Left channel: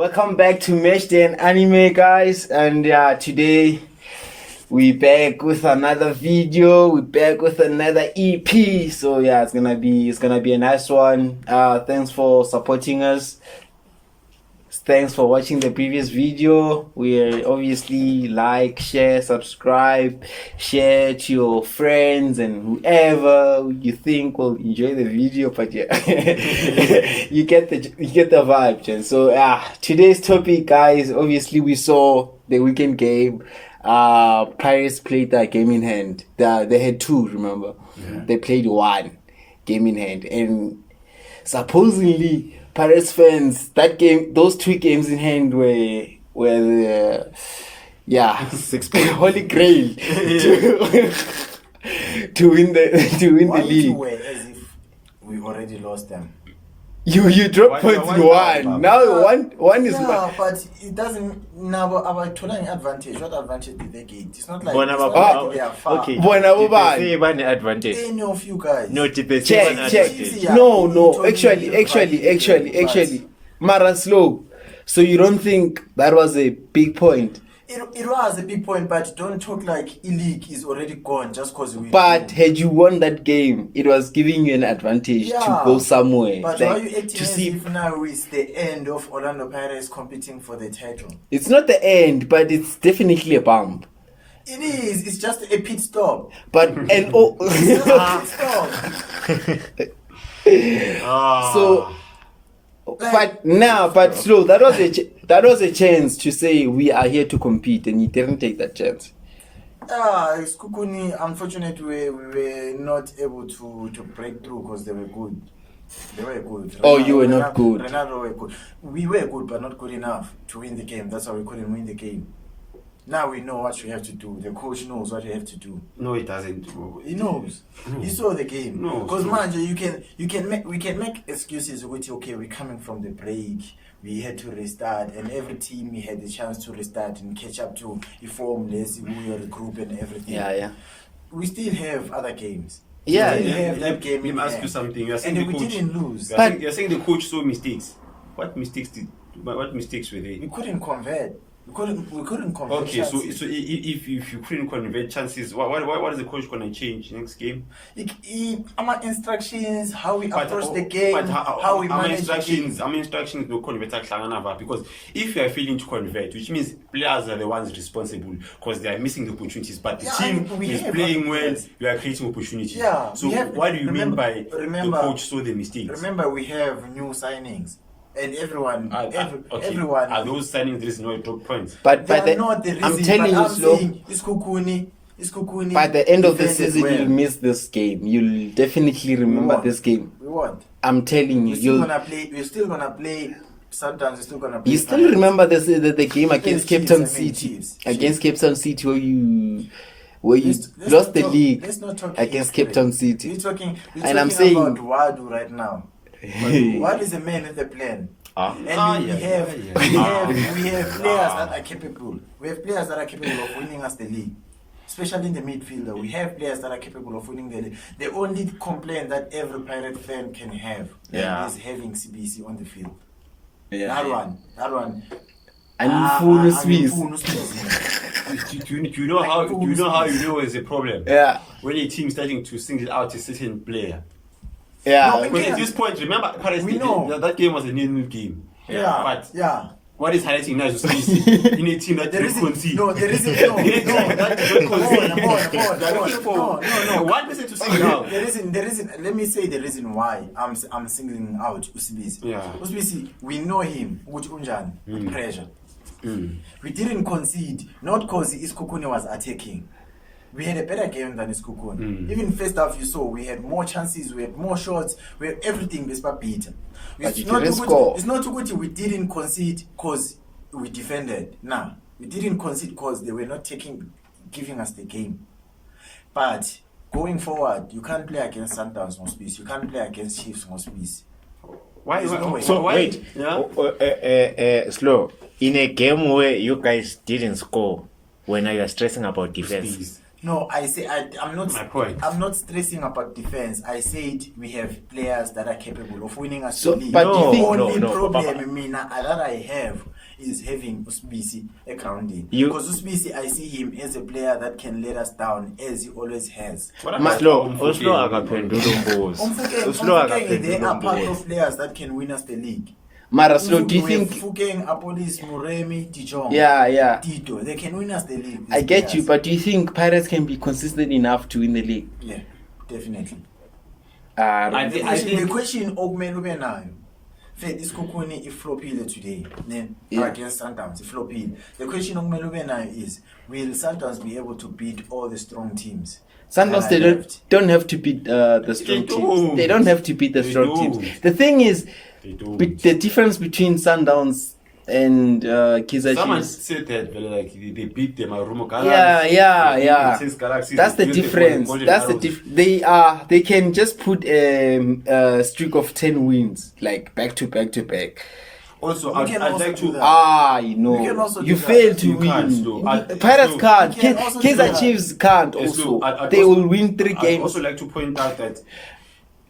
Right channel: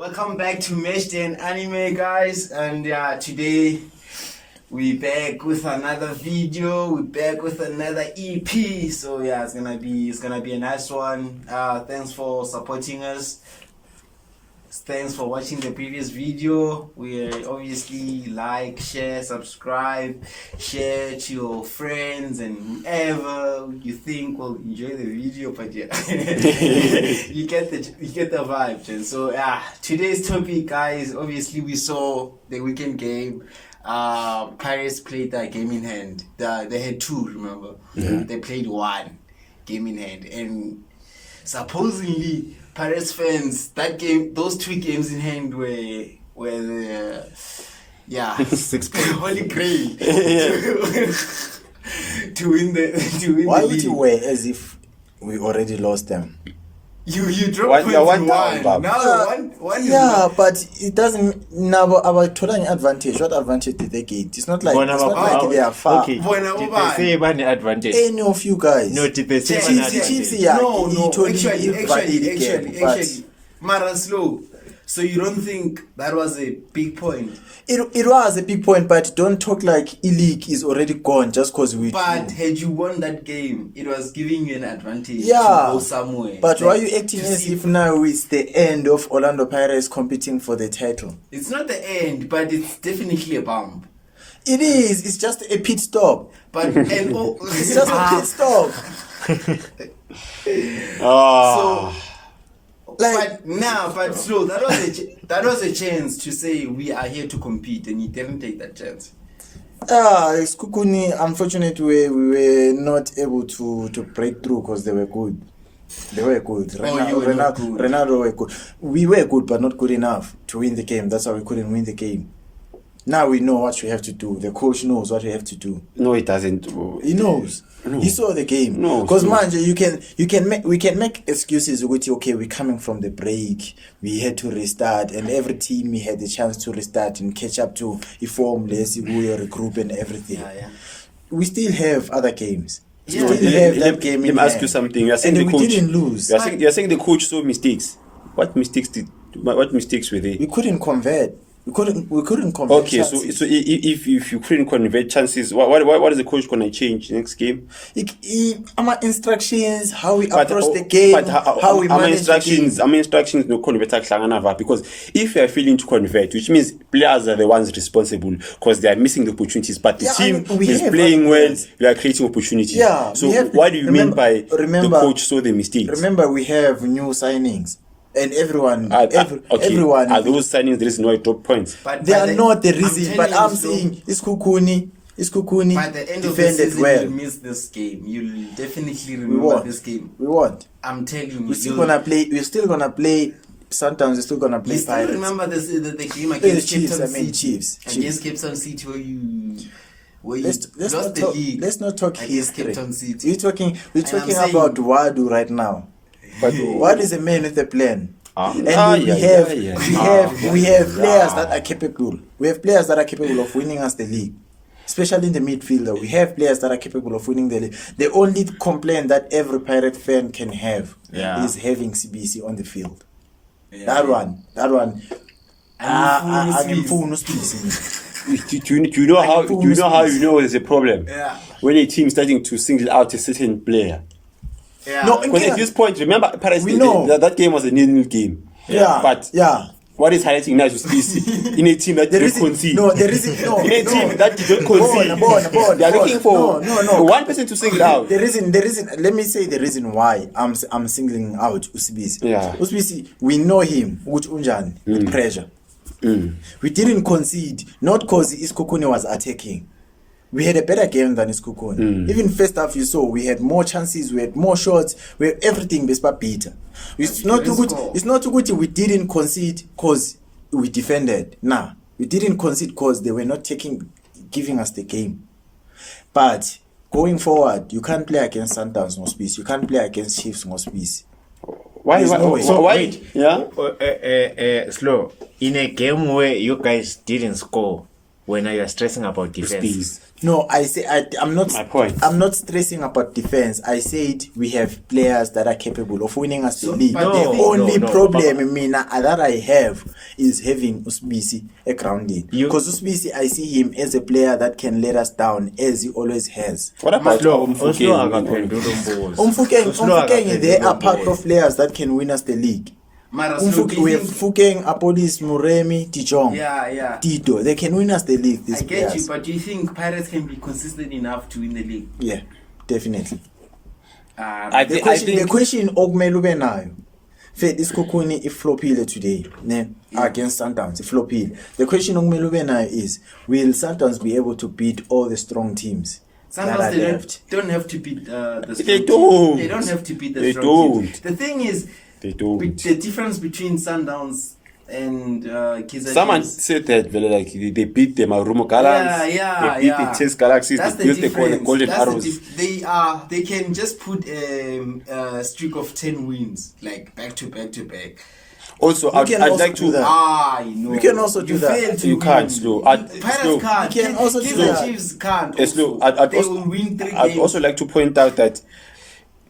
Welcome back to Matchday and Anime, guys. And today we back with another video. We back with another EP. So it's gonna be a nice one. Thanks for supporting us. Thanks for watching the previous video. We obviously like, share, subscribe, share to your friends and whoever you think will enjoy the video. But you get the vibe, Jen. So today's topic, guys. Obviously, we saw the weekend game. Pirates played that game in hand. They had two. Remember, They played one game in hand, and supposedly Pirates fans, those two games in hand were the 6 point holy grail to win the Why league. would you wear as if we already lost them? You drop points one. Now one is but it doesn't now about total advantage. What advantage did they get? It's not like they are far. Okay. Did they say about advantage? Any of you guys? No, did they say about advantage? No. Actually, Mara slow. So you don't think that was a big point? It was a big point, but don't talk like E-League is already gone just because we. But had you won that game, it was giving you an advantage to go somewhere. But why are you acting as if now it's the end of Orlando Pirates competing for the title? It's not the end, but it's definitely a bump. It is. It's just a pit stop. But it's just a pit stop. So. Slow. That was a chance to say we are here to compete, and you didn't take that chance. It's Kukuni. Unfortunately, we were not able to break through because they were good. They were good. You were not good. Ronaldo were good. We were good, but not good enough to win the game. That's why we couldn't win the game. Now we know what we have to do. The coach knows what we have to do. No, he doesn't. He knows. No. He saw the game. No, because we can make excuses. Okay, we're coming from the break. We had to restart, and every team we had the chance to restart and catch up to form, let's regroup and everything. Yeah. We still have other games. Let me ask you something. You're saying we didn't lose. You're saying the coach saw mistakes. What mistakes were they? We couldn't convert. We couldn't convert. Okay, chances. so if you couldn't convert chances, what is the coach gonna change next game? Our instructions, how we approach the game, how we manage the game. Our instructions no convert because if you are failing to convert, which means players are the ones responsible because they are missing the opportunities. But the team is playing well, we are creating opportunities. Yeah. So what do you mean by the coach saw the mistakes? Remember, we have new signings. And everyone, are those signings the reason why drop points? But they are not the reason. But I'm saying it's Kukuni. By the end of the season, you'll miss this game. You'll definitely remember this game. We won't. I'm telling you. We're still gonna play. Sometimes we're still gonna play. You still remember the game against Cape Town City? Chiefs. Against Cape Town City, where you lost the league. Let's not talk against Cape Town City. We're talking about Wadu right now. But what is a man with a plan? We have players that are capable. We have players that are capable of winning us the league, especially in the midfielder. We have players that are capable of winning the league. The only complaint that every Pirate fan can have is having CBC on the field. That one. Do you know how you know there's a problem? Yeah. When a team starting to single out a certain player. Yeah. No, because at this point, remember, Paris, that game was a nil-nil game. What is highlighting now is in a team that didn't concede. No, there isn't. No, in a team that didn't concede. They are looking for one person to single out. There isn't. Let me say the reason why I'm singling out Usibisi. Yeah. Usibisi, we know him. With pressure. We didn't concede, not because Iskukuni was attacking. We had a better game than Iskukuni. Even first half, you saw we had more chances, we had more shots, we had everything. Bespa Peter. It's not too good. We didn't concede because we defended. Nah, we didn't concede because they were not giving us the game. But going forward, you can't play against Sundowns no space. You can't play against Chiefs no space. Why? Wait. Yeah. Slow. In a game where you guys didn't score, when you are stressing about defense. No, I say I'm not. My point. I'm not stressing about defense. I said we have players that are capable of winning us the league. but The no, only no, problem mina that I have is having Usbisi a grounding. Because Usbisi, I see him as a player that can let us down as he always has. What about Slow Umfukeng? akaphendula umbuzo. Umfukeng, they are part of players that can win us the league. Mara, Slow, do We you have think? Fukeng, Apolis, Muremi, Dijong, Yeah. Tito. They can win us the league. These I get players. you, but do you think Pirates can be consistent enough to win the league? Yeah, definitely. The The question okumele ube nayo. Fed isikhukhuni iflopile today, ne? Against Sundowns, iflopile. The question okumele ube nayo is, will Sundowns be able to beat all the strong teams? Sundowns, that they are left? don't have to beat the strong They teams. don't. They don't have to beat the They strong don't. teams. The thing is, They don't. the difference between Sundowns and Kaizer Someone Chiefs. said that like they beat the Marumo Galaxy. Yeah. They beat the Chase Galaxies. That's they the used difference. Golden That's Arrows. they can just put a streak of 10 wins like back to back. Also, We I'd can also like do to. that. You know. We can also you do that. fail to You win. can't, Slow. Pirates Slow. can't. We can also do Kaizer that. Chiefs can't. Slow. Also. They will win 3 I'd games. also like to point out that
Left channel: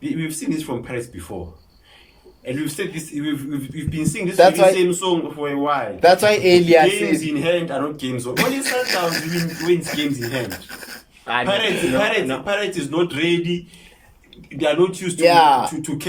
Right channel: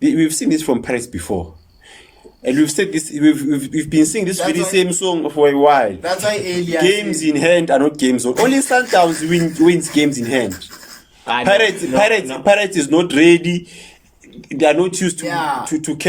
we've seen this from Paris before. And we've said this, we've been singing this That's very why- same song for a while. That's why earlier Games said, in hand are not games. Only Sundowns wins games in hand. Pirates is not ready. They are not used to Yeah.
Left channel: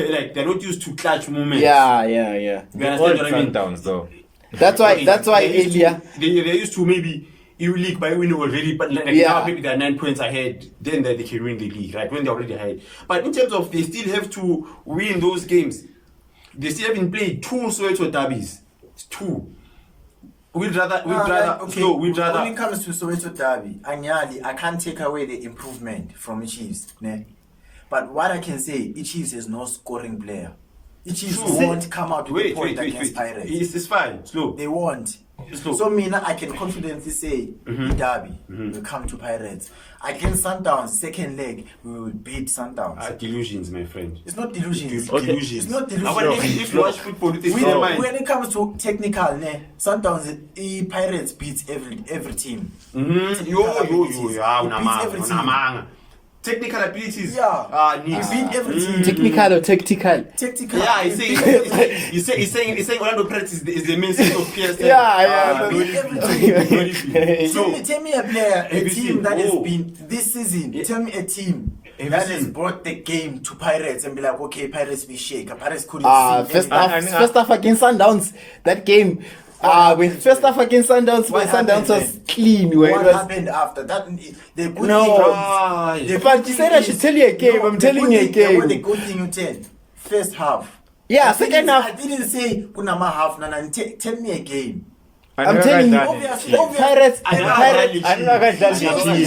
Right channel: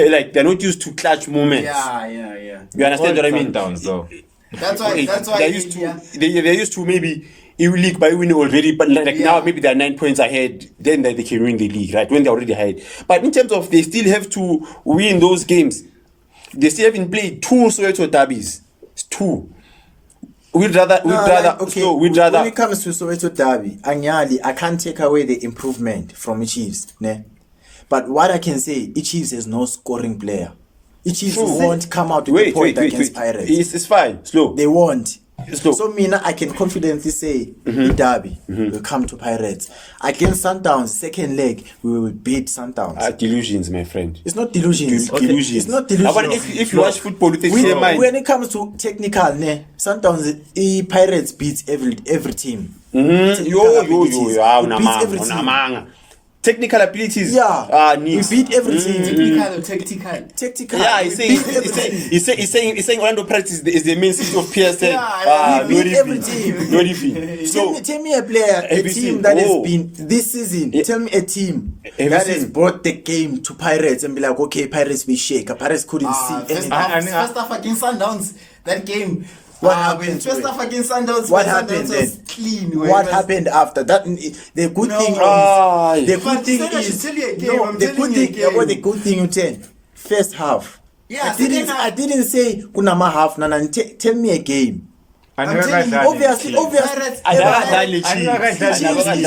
like they're not used to clutch moments. yeah. You understand what I mean? Sundowns though. That's why they're used earlier. they're used to maybe you league by winning already, but like Yeah. now maybe they're 9 points ahead. Then they can win the league, right? When they're already ahead. But in terms of they still have to win those games. They still haven't played 2 Soweto derbies. It's 2. We'd rather. When We'd it comes to Soweto Derby, I can't take away the improvement from the Chiefs, ne? But what I can say, Chiefs has no scoring player. Chiefs won't come out with a point against Pirates. It's fine. Slow. They won't. Slow. So I can confidently say Derby will come to Pirates. Against Sundowns, second leg, we will beat Sundowns. Delusions, my friend. It's not delusions. Delusions. It's not delusions. If you watch football, you think in your mind. When it comes to technical, Sundowns, Pirates beats every team. Technical abilities. It beats every team. Technical abilities. Yeah. We beat every team. Technical or tactical? Technical. Yeah, We beat every team. he's saying Orlando Pirates is the main city of PSL. Yeah. We beat every team. So Tell me a player, a Have you team seen- that has oh. been this season. Tell me a team you that has seen- brought the game to Pirates and be like, okay, Pirates we shake. Pirates couldn't see First anything. half against Sundowns, that game. What happened? First half against Sundowns, What when Sundowns happened was then? clean. What happened after that? The good thing is, the But good thing said I should is, tell you a game. I'm the telling good you a thing- yeah, game. what the good thing you tell? First half. Yeah, second half. I didn't say kunama half. Nana, tell me a game. I'm Another telling you, guy obviously, Pirates.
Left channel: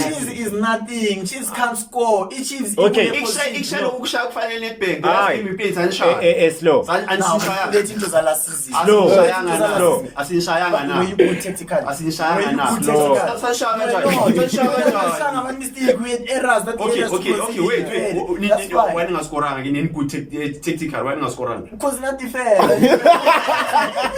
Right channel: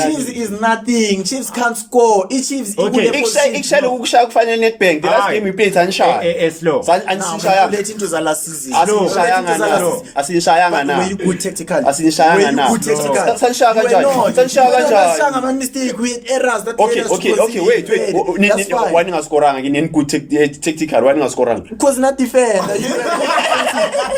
Chiefs is nothing. Chiefs can't score. Chiefs. Okay. Ikshaya ukushaya kufanele Nedbank. The last Aye. game we played Sanshaya. Slow. Let into the last season. Asishayanga na. Asishayanga na. Were you good technical? Asishayanga na. Were you good technical? Sanshaya You were not. kanjani? Sanshaya You kanjani? were mistake. We had errors. That Okay, errors okay, was okay, wait. That's fine. Why ningascoranga? Ngine good tactical. Why ningascoranga? Because not defend.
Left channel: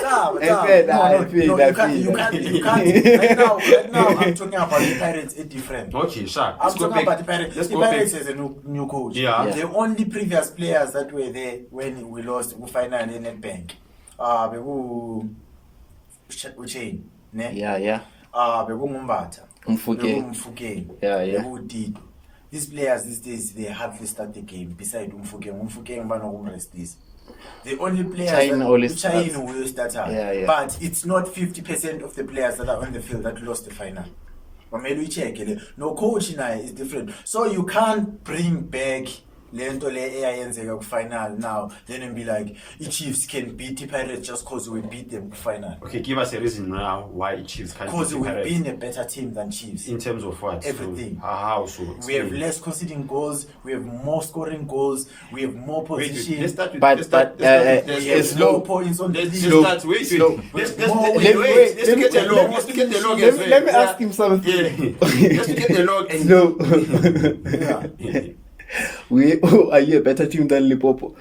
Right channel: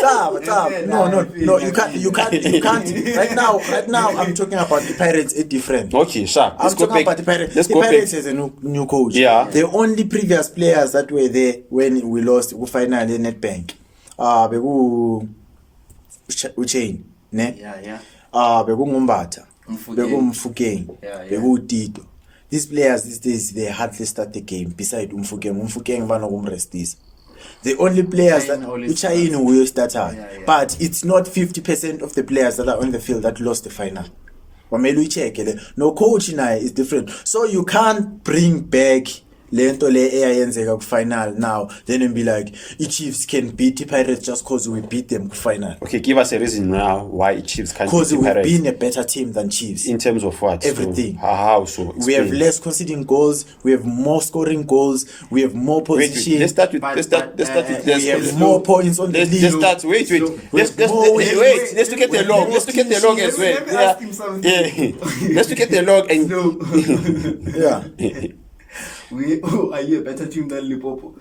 No, you can't. Right now, I'm talking about the Pirates. It's different. Okay, sure. I'm talking about the Pirates. Let's The go back. Pirates has a new coach. Yeah. The only previous players that were there when we lost, we finally Nedbank. Beku Uchain, ne? Yeah. Beku Ngumbata. Mfukeng. Beku Mfukeng. Yeah. Beku Tito. These players these days they hardly start the game. Beside Mfukeng bano this. The only players China always that China will start out. Yeah. But it's not 50% of the players that are on the field that lost the final. No, coach is different. So you can't bring back lento le eyenzeka final now then and be like Chiefs can beat the Pirates just because we beat them final. Okay, give us a reason now why Chiefs can't Because beat the we've Pirates. been a better team than Chiefs. In terms of what? Everything. So, how so? We have Explain. less conceding goals. We have more scoring goals. We have more Wait, position. let's start with. But- Let's start. but, Let's we have start. more points on the Let's league. start. Wait. Let's Wait, look at the log. Let's look at the log as well. Let me ask him something. Yeah. Let's look at the log and No. Yeah. Are you a better team than Limpopo?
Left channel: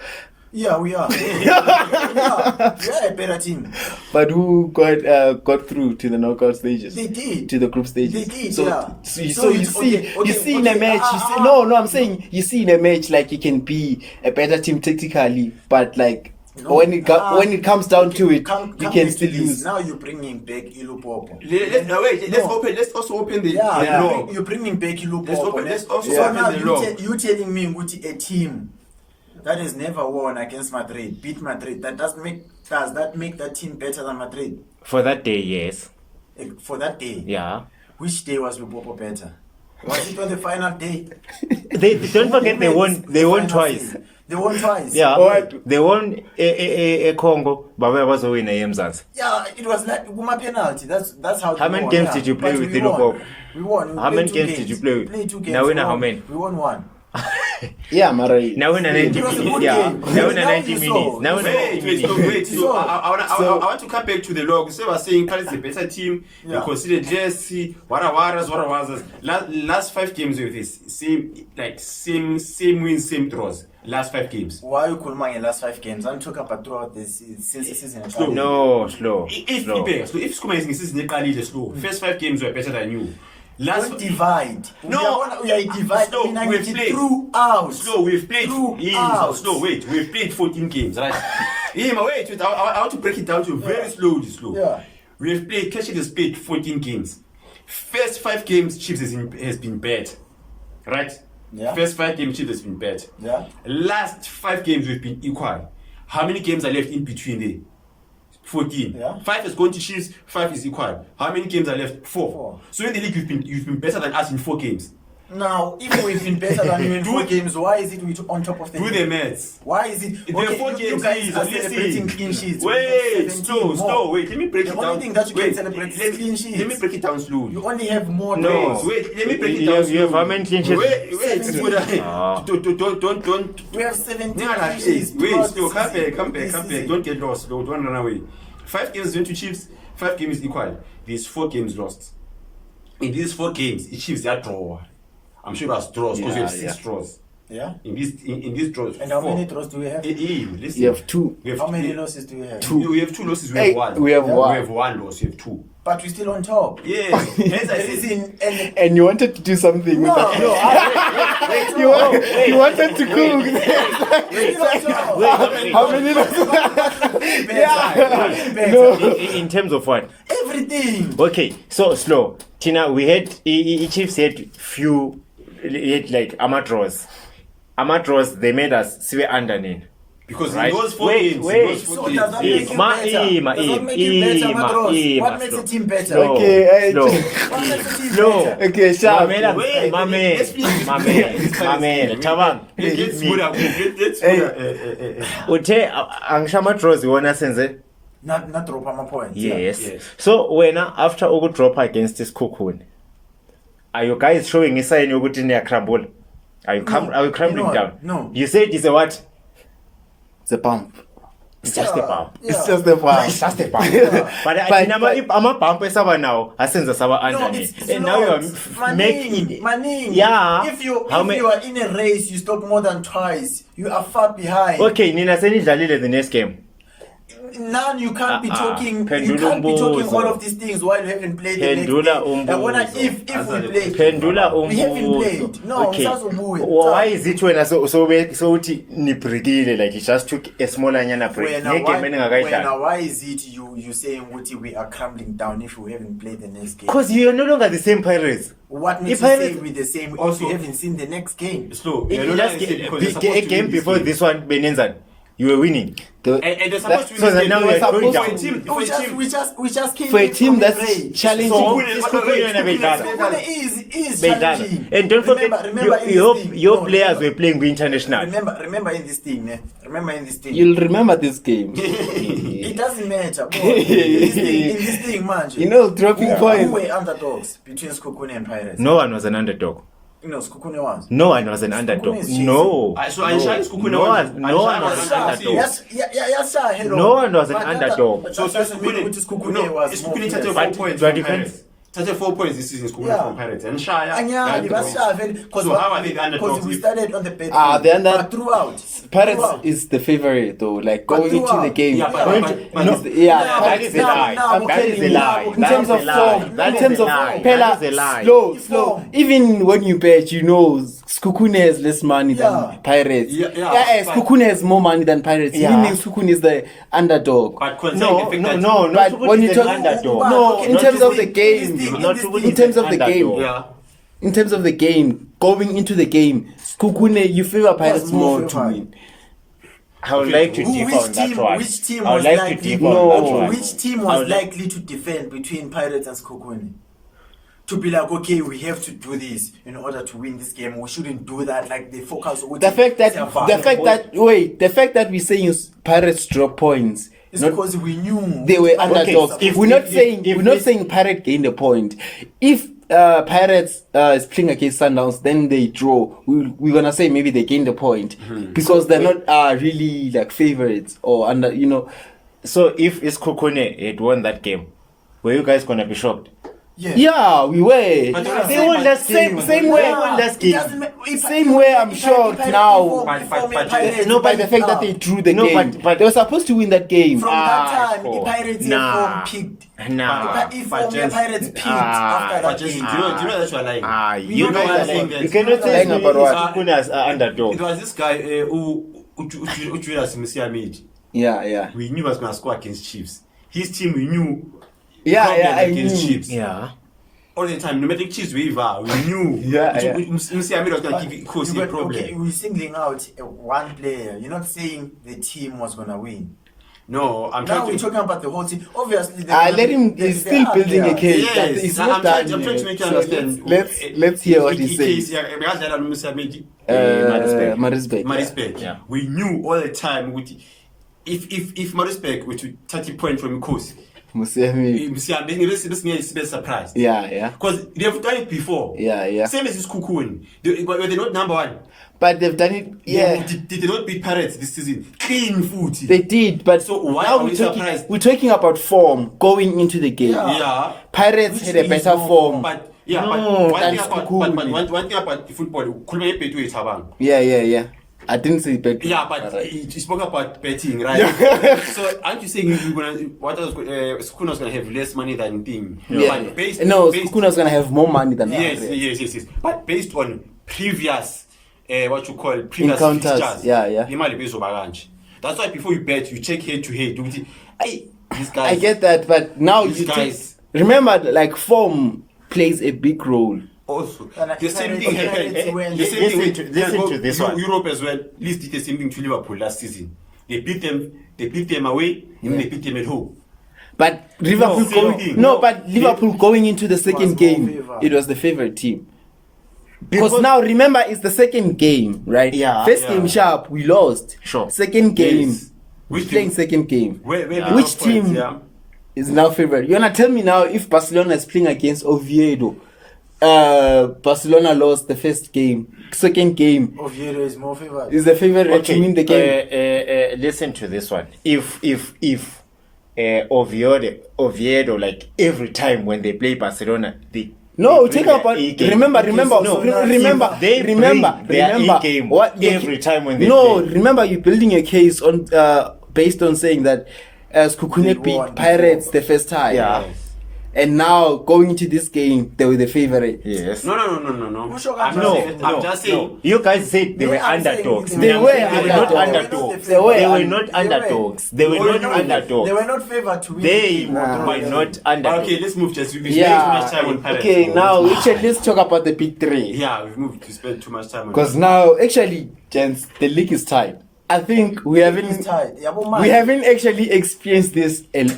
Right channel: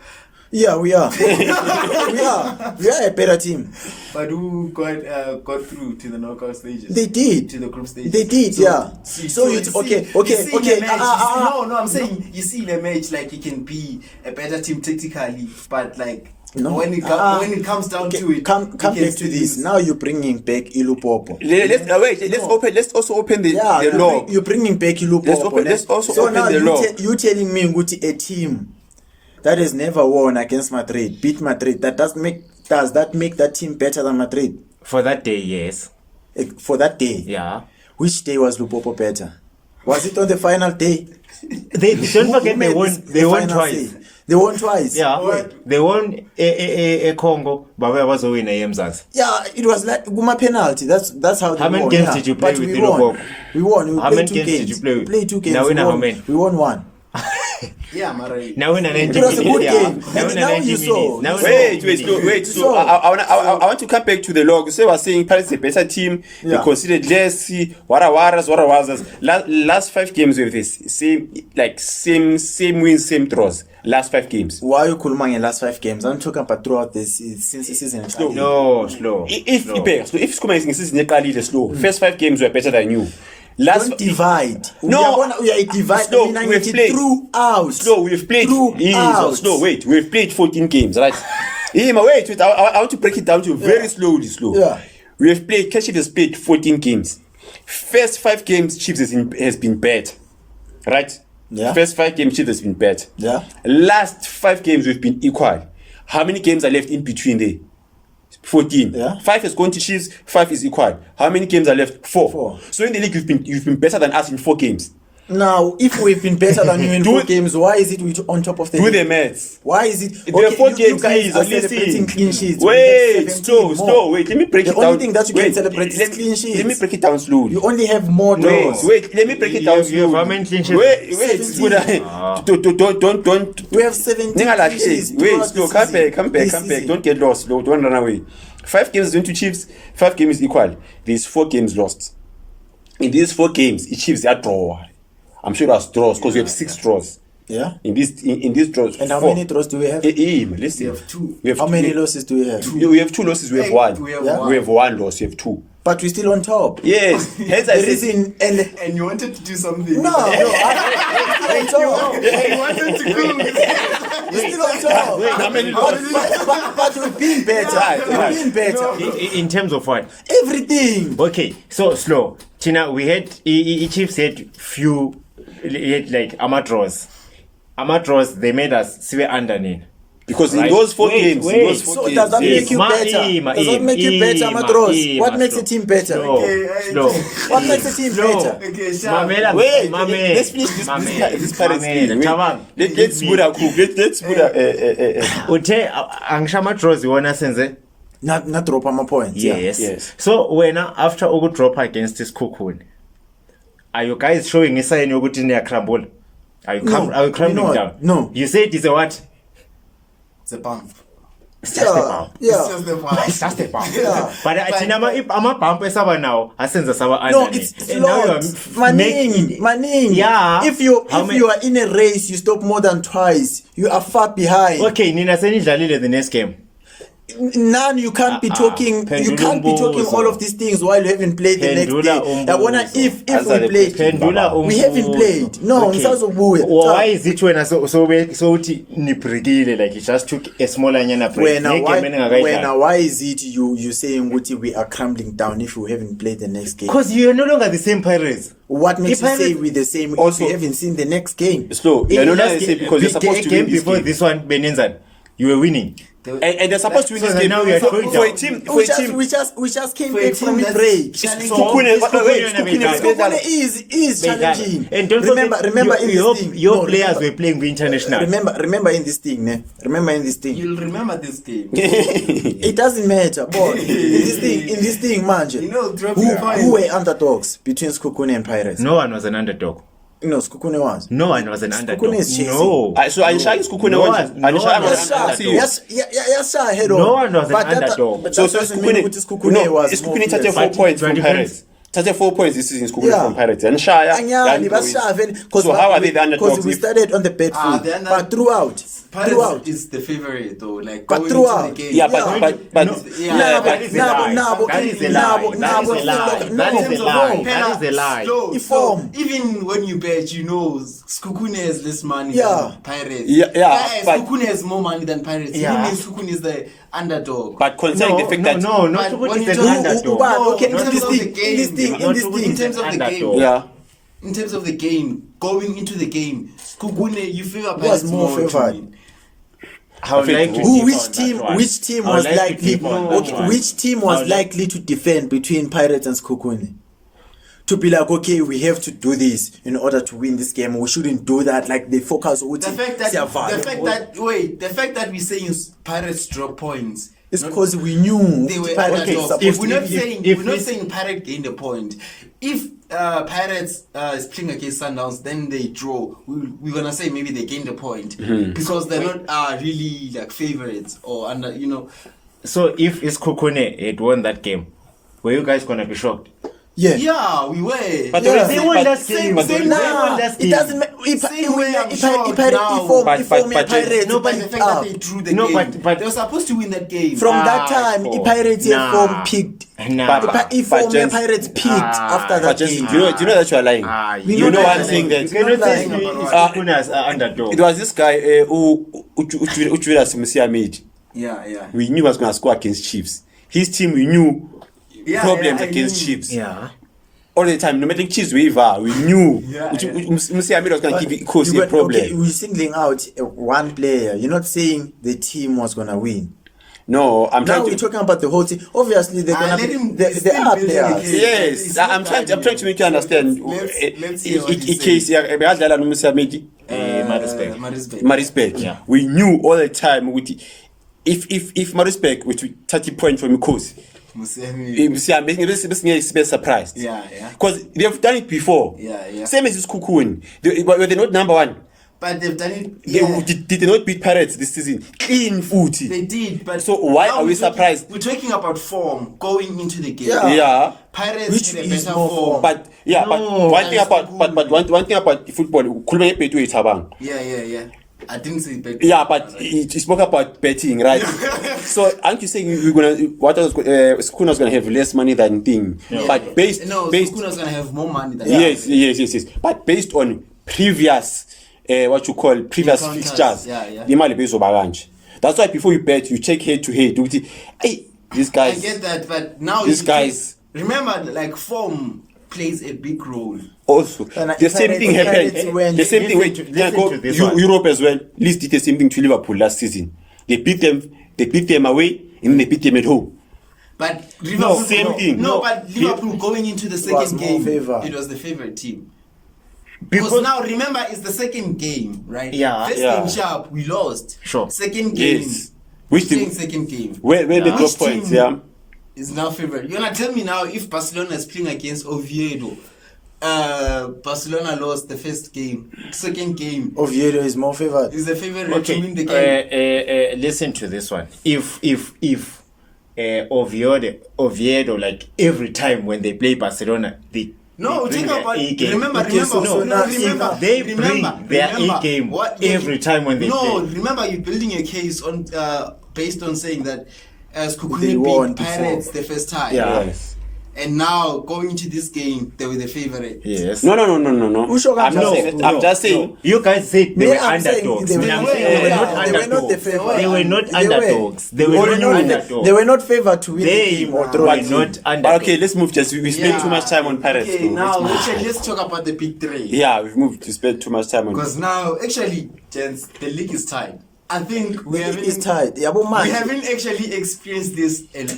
Yeah, we are. we are a better team. But who got through to the knockout stages? They did. To the group stages. They did, yeah. So you see, you see in a match. No, I'm saying you see in a match like you can be a better team tactically, but like when it comes down to it, come you can back to still this. lose. Now you're bringing back Ilupopo. Let's also open the law. You're bringing back Ilupopo. Let's also so open now the law. You telling me Nguti, a team that has never won against Madrid, beat Madrid, does that make that team better than Madrid? For that day, yes. For that day? Yeah. Which day was Lupopo better? Was it on the final day? They don't forget they won twice. Day? They won twice. Yeah. What? They won a Congo, but where was the winner Mzansi? Yeah, it was like Guma penalty. That's how. How many games did you play with Ilupopo? We won. How many games did you play? We played 2 games. Now we know how many. We won 1. Yeah, Mara. Now in 90 It was a minutes. good Yeah. game. Now in Now 90 you minutes. saw. Now in Wait. 90 minutes. So I want to come back to the log. So I was saying Paris is a better team. Yeah. They considered less. Wara. Last 5 games with this same wins, same draws. Last 5 games. Why are you Kulmang in last 5 games? I'm talking about throughout this since the season. Slow. No, slow. If Skuma is slow, first 5 games were better than you. Don't divide. No. we are divided. Slow, we've played. Throughout. Slow, we've played. Throughout. We've played 14 games, right? wait. I want to break it down to very slowly. Yeah. We have played. Chiefs has played 14 games. First 5 games, Chiefs has been bad, right? Yeah. First 5 games, Chiefs has been bad. Yeah. Last 5 games, we've been equal. How many games are left in between there? 14. Yeah. 5 has gone to Chiefs, 5 is equal. How many games are left? 4. 4. So in the league, you've been better than us in 4 games. Now, if we've been better than you in 4 games, why is it we on top of the Do league? the maths. Why is it? There are 4 you games, guys please. are celebrating clean sheets. Wait, We have 17 slow. more. Wait, let me break The it down. only thing that you can celebrate is clean sheets. Let me break it down slowly. You only have more No. draws. Wait, let me break it You down have- you have slowly. how many clean sheets? Wait, 17. don't. We have 17 clean sheets. Wait, throughout slow. the Come season. back. This season. Don't get lost. Don't run away. 5 games went to Chiefs. 5 games equal. There's 4 games lost. In these 4 games, the Chiefs are draw. I'm sure that's draws because we have 6 draws. Yeah. In these draws. And how 4. many draws do we have? Listen. You have 2. We have How many losses do we have? We have 2 losses. We have 1. we have one. We have 1 loss. You have 2. But we're still on top. Yes. Hence I There is said. And you wanted to do something. No, with that. You wanted to cook. We're still on top. But we've been better. We've been better. In terms of what? Everything. Okay, so slow. Tina, we had Chiefs had few like amateurs. Amateurs, they made us see underneath. Because Right. in those 4 Wait, games, wait. in those 4 So games, does that Ima, make you better? Ima, Does that make you better, Ima, Amatros? Ima, What makes slow. a team better? Slow, Okay, slow. What makes a team Slow. better? Okay, sharp. Mamela, Wait, Mamela, let's finish this Mamela, Paris game. Chabang. Let's put a Uthe angishama draws iwona senze. Not drop my points. Yes. Yes. So wena after ukudrop against isikhukhuni, are you guys showing a sign yokuthi niyakrambula? Are you crumbling No, down? no. You said it's a what? It's a bump. It's just a bump. Yeah. It's just a bump. It's just a bump. Yeah. But ama-bump esaba now asenza saba No, underneath. it's And now you are Maning. Yeah. If you How many- are in a race, you stop more than twice. You are far behind. Okay, nina senidlalile the next game. Now you can't be talking. You Pendula can't be talking umbuzo. all of these things while you haven't played the next Pendula day. I wanna umbuzo. if we played. Pendula umbuzo. We haven't played. No, Okay. ngisazobuya. Why is it when so uthi nibreakile like it just took a smaller nyana break? Ngegame engakayidlali. Why is it you saying Guti we are crumbling down if we haven't played the next game? Because you are no longer the same Pirates. What makes you If say Pirates- we're the same if Also- you haven't seen the next game? slow. In You're not last gonna say game, because you're supposed a to game win this before game. this one, Benenzan, you were winning. And they're supposed to win So this that game. now we are going For a down. team, We just came For a back team from the that's break. challenging. So- Kukune- Kukune wait, and Kukune Abedala. is- Is challenging. And don't remember forget, in your this thing. your No, players were playing with international. Remember in this thing, ne? Remember in this thing. You'll remember this game. It doesn't matter, boy. in this thing, man. You know, dropping points. Who were underdogs between Skukune and Pirates? No one was an underdog. No, Skukune was. No one was an underdog. is chasing. No. So Aisha is Kukune No was- one- no Aisha one was was an an underdog. underdog. Yes, sir. Head No on. one was an But that- underdog. but So that doesn't mean Kukune, Skukune no, was it's more Kukune touched players. 4 But- points but from defense- Pirates. Touched 4 points this season, Kukune Yeah. from Pirates. And Shaya. Anyani, and- basha, So how are they the underdogs? Because we started on the bad Ah, foot, they're not- but throughout. Pirates Throughout. is the favorite though. Like But going into the throughout. game. Yeah, but No. yeah, That is a lie. That is a lie. That is a lie. That is a lie. That is a lie. Slow. Form. Even when you bet, you know, Skukune has less money Yeah. than Pirates. Yeah, but- Skukune has more money than Pirates. Yeah. Meaning Skukune is the underdog. But concerning the fact that No, But not when you Tukuni is talk- an underdog. No, okay, in Not terms of Tukuni- the game, Not in Tukuni is terms an of the game, underdog. yeah. in terms of the game, going into the game, Skukune, you favor Pirates Was more more to favored. win. I would like to Who, differ which on that team? one. Which team I would was like to likely? differ on that one. Which team I was would like- likely to defend between Pirates and Skokuni? To be like, okay, we have to do this in order to win this game. We shouldn't do that. Like they focus. The fact that we're saying Pirates drop points it's not- because we knew they were Pirates okay, underdogs. supposed if- to We're not be- saying if we're not this- saying Pirates gained a point. If Pirates is playing against Sundowns, then they draw. We're gonna say maybe they gained a point because they're not really like favorites or under. You know, So if Iskukune had won that game, were you guys gonna be shocked? yeah, we were. But yeah. They won last game. Same They way. won last It game. doesn't matter. Same way I'm shocked now. But No, by the fact that they drew the No, game, but- they were supposed to win that game. From that Ah, time, the cool. Pirates Nah. form peaked. Nah. If but form James- Pirates peaked Ah, after But that just, game. do you know that you are lying? You know know one one thing thing that- you cannot say lying about what? Iskukune as an underdog. It was this guy Uchwira Simusiamid. Yeah. We knew he was going to score against Chiefs. His team, we knew problems I against knew. Chiefs. Yeah. All the time, no matter Chiefs waiver, we knew Yeah. Musiamid was going to give Kosi You a got- problem. Okay, we're singling out one player. You're not saying the team was gonna win. No, I'm Now trying we're to. talking about the whole team. Obviously, they're gonna Let him. they- He's they still are building a players. case. Yes, It's I'm not trying done to yet. make you understand. Let's hear what he's saying. case, Begadala Musiamid. Marisbeck. Marisbeck. Yeah. We knew all the time with if Marisbeck were to 30 points from Kosi, Musiamid. this is be surprised. Yeah. Because they've done it before. Yeah. Same as this Kukun. Were they not number one? But they've done it. Yeah. Did they not beat Pirates this season? Clean foot. They did, but So why now are we we're talking- surprised? We're talking about form going into the game. Yeah. Pirates Which had a is better more form. But No, one thing that's about cool. one thing about football, Kulme Petu is Habang. Yeah. I didn't say bet. Yeah, but he spoke about betting, right? So aren't you saying we're gonna Skuna was gonna have less money than thing? Yeah. But based Skuna's gonna have more money than yes. But based on previous what you call previous Encounters, fixtures, yeah. imali bezoba kanje. That's why before you bet, you check head to head. Hey, these guys. I get that, but now These you guys- remember, like form plays a big role. Also, And the same Pirates- thing Pirates happened. went- The same thing. listen to this one. Europe as well. Leeds did the same thing to Liverpool last season. They beat them away, and then they beat them at home. But Liverpool, same thing. No, No. but Liverpool going into the was second more game, favored. it was the favorite team. Because now remember, it's the second game, right? Yeah, First yeah. game sharp, we lost. Sure. Second game, Yes. which Which playing team? second game Where the Which top points? team? Yeah. is now favorite. You're gonna tell me now if Barcelona is playing against Oviedo. Barcelona lost the first game. Second game Oviedo is more favored. is the favorite team in the game. Listen to this one. If Oviedo, like every time when they play Barcelona, they No, bring take their about. A-game. Remember. No, Remember. if they bring their A-game every time when they No, play. remember you building a case on based on saying that as They Kukune won beat Pirates before. the first time. Yeah. Yes. And now going into this game, they were the favorite. Yes. No. Usho I'm Kanja not. I'm just saying. No. You guys said they Me, were I'm saying underdogs. they Me, I'm were, saying they were yeah, not they were not the underdogs. favorite. They were not underdogs. They were not underdogs. They were not favored to win. They the game. were not underdogs. Okay, let's move. Just we spend too much time on Pirates. Okay, so now let's- actually let's talk about the big three. Yeah, we've moved to spend too much time on. Because now, actually, gents, the league is tied. I think we It's haven't tied. Yeah, but man, we haven't actually experienced this in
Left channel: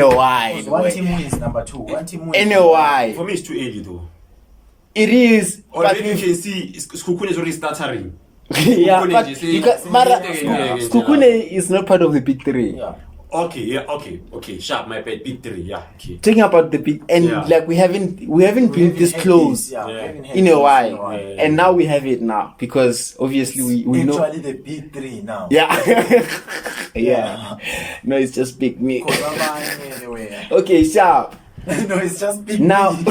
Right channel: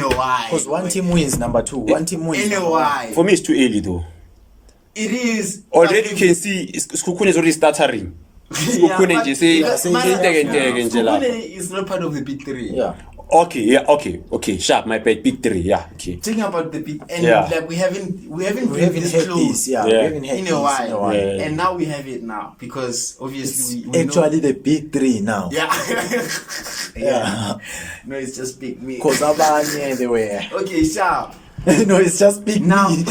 a while. because one team wins number two. One team wins In a number one. while. For me, it's too early though. It is. Already but you can see Skukune is already stuttering. Yeah, Skukune but just say, because Mara- Yeah. Skukune is not part of the big three. Yeah. Okay, sharp, my bad, big three, yeah, okay. Talking about the big and Yeah. like we haven't We been haven't this had close this, yeah. Yeah. We haven't had in this a while, Yeah. and now we have it now because obviously we know. Actually, the big three now. Yeah. Yeah. No, it's just big me. Because abanye they were. Okay, sharp. No, it's just big Now, me.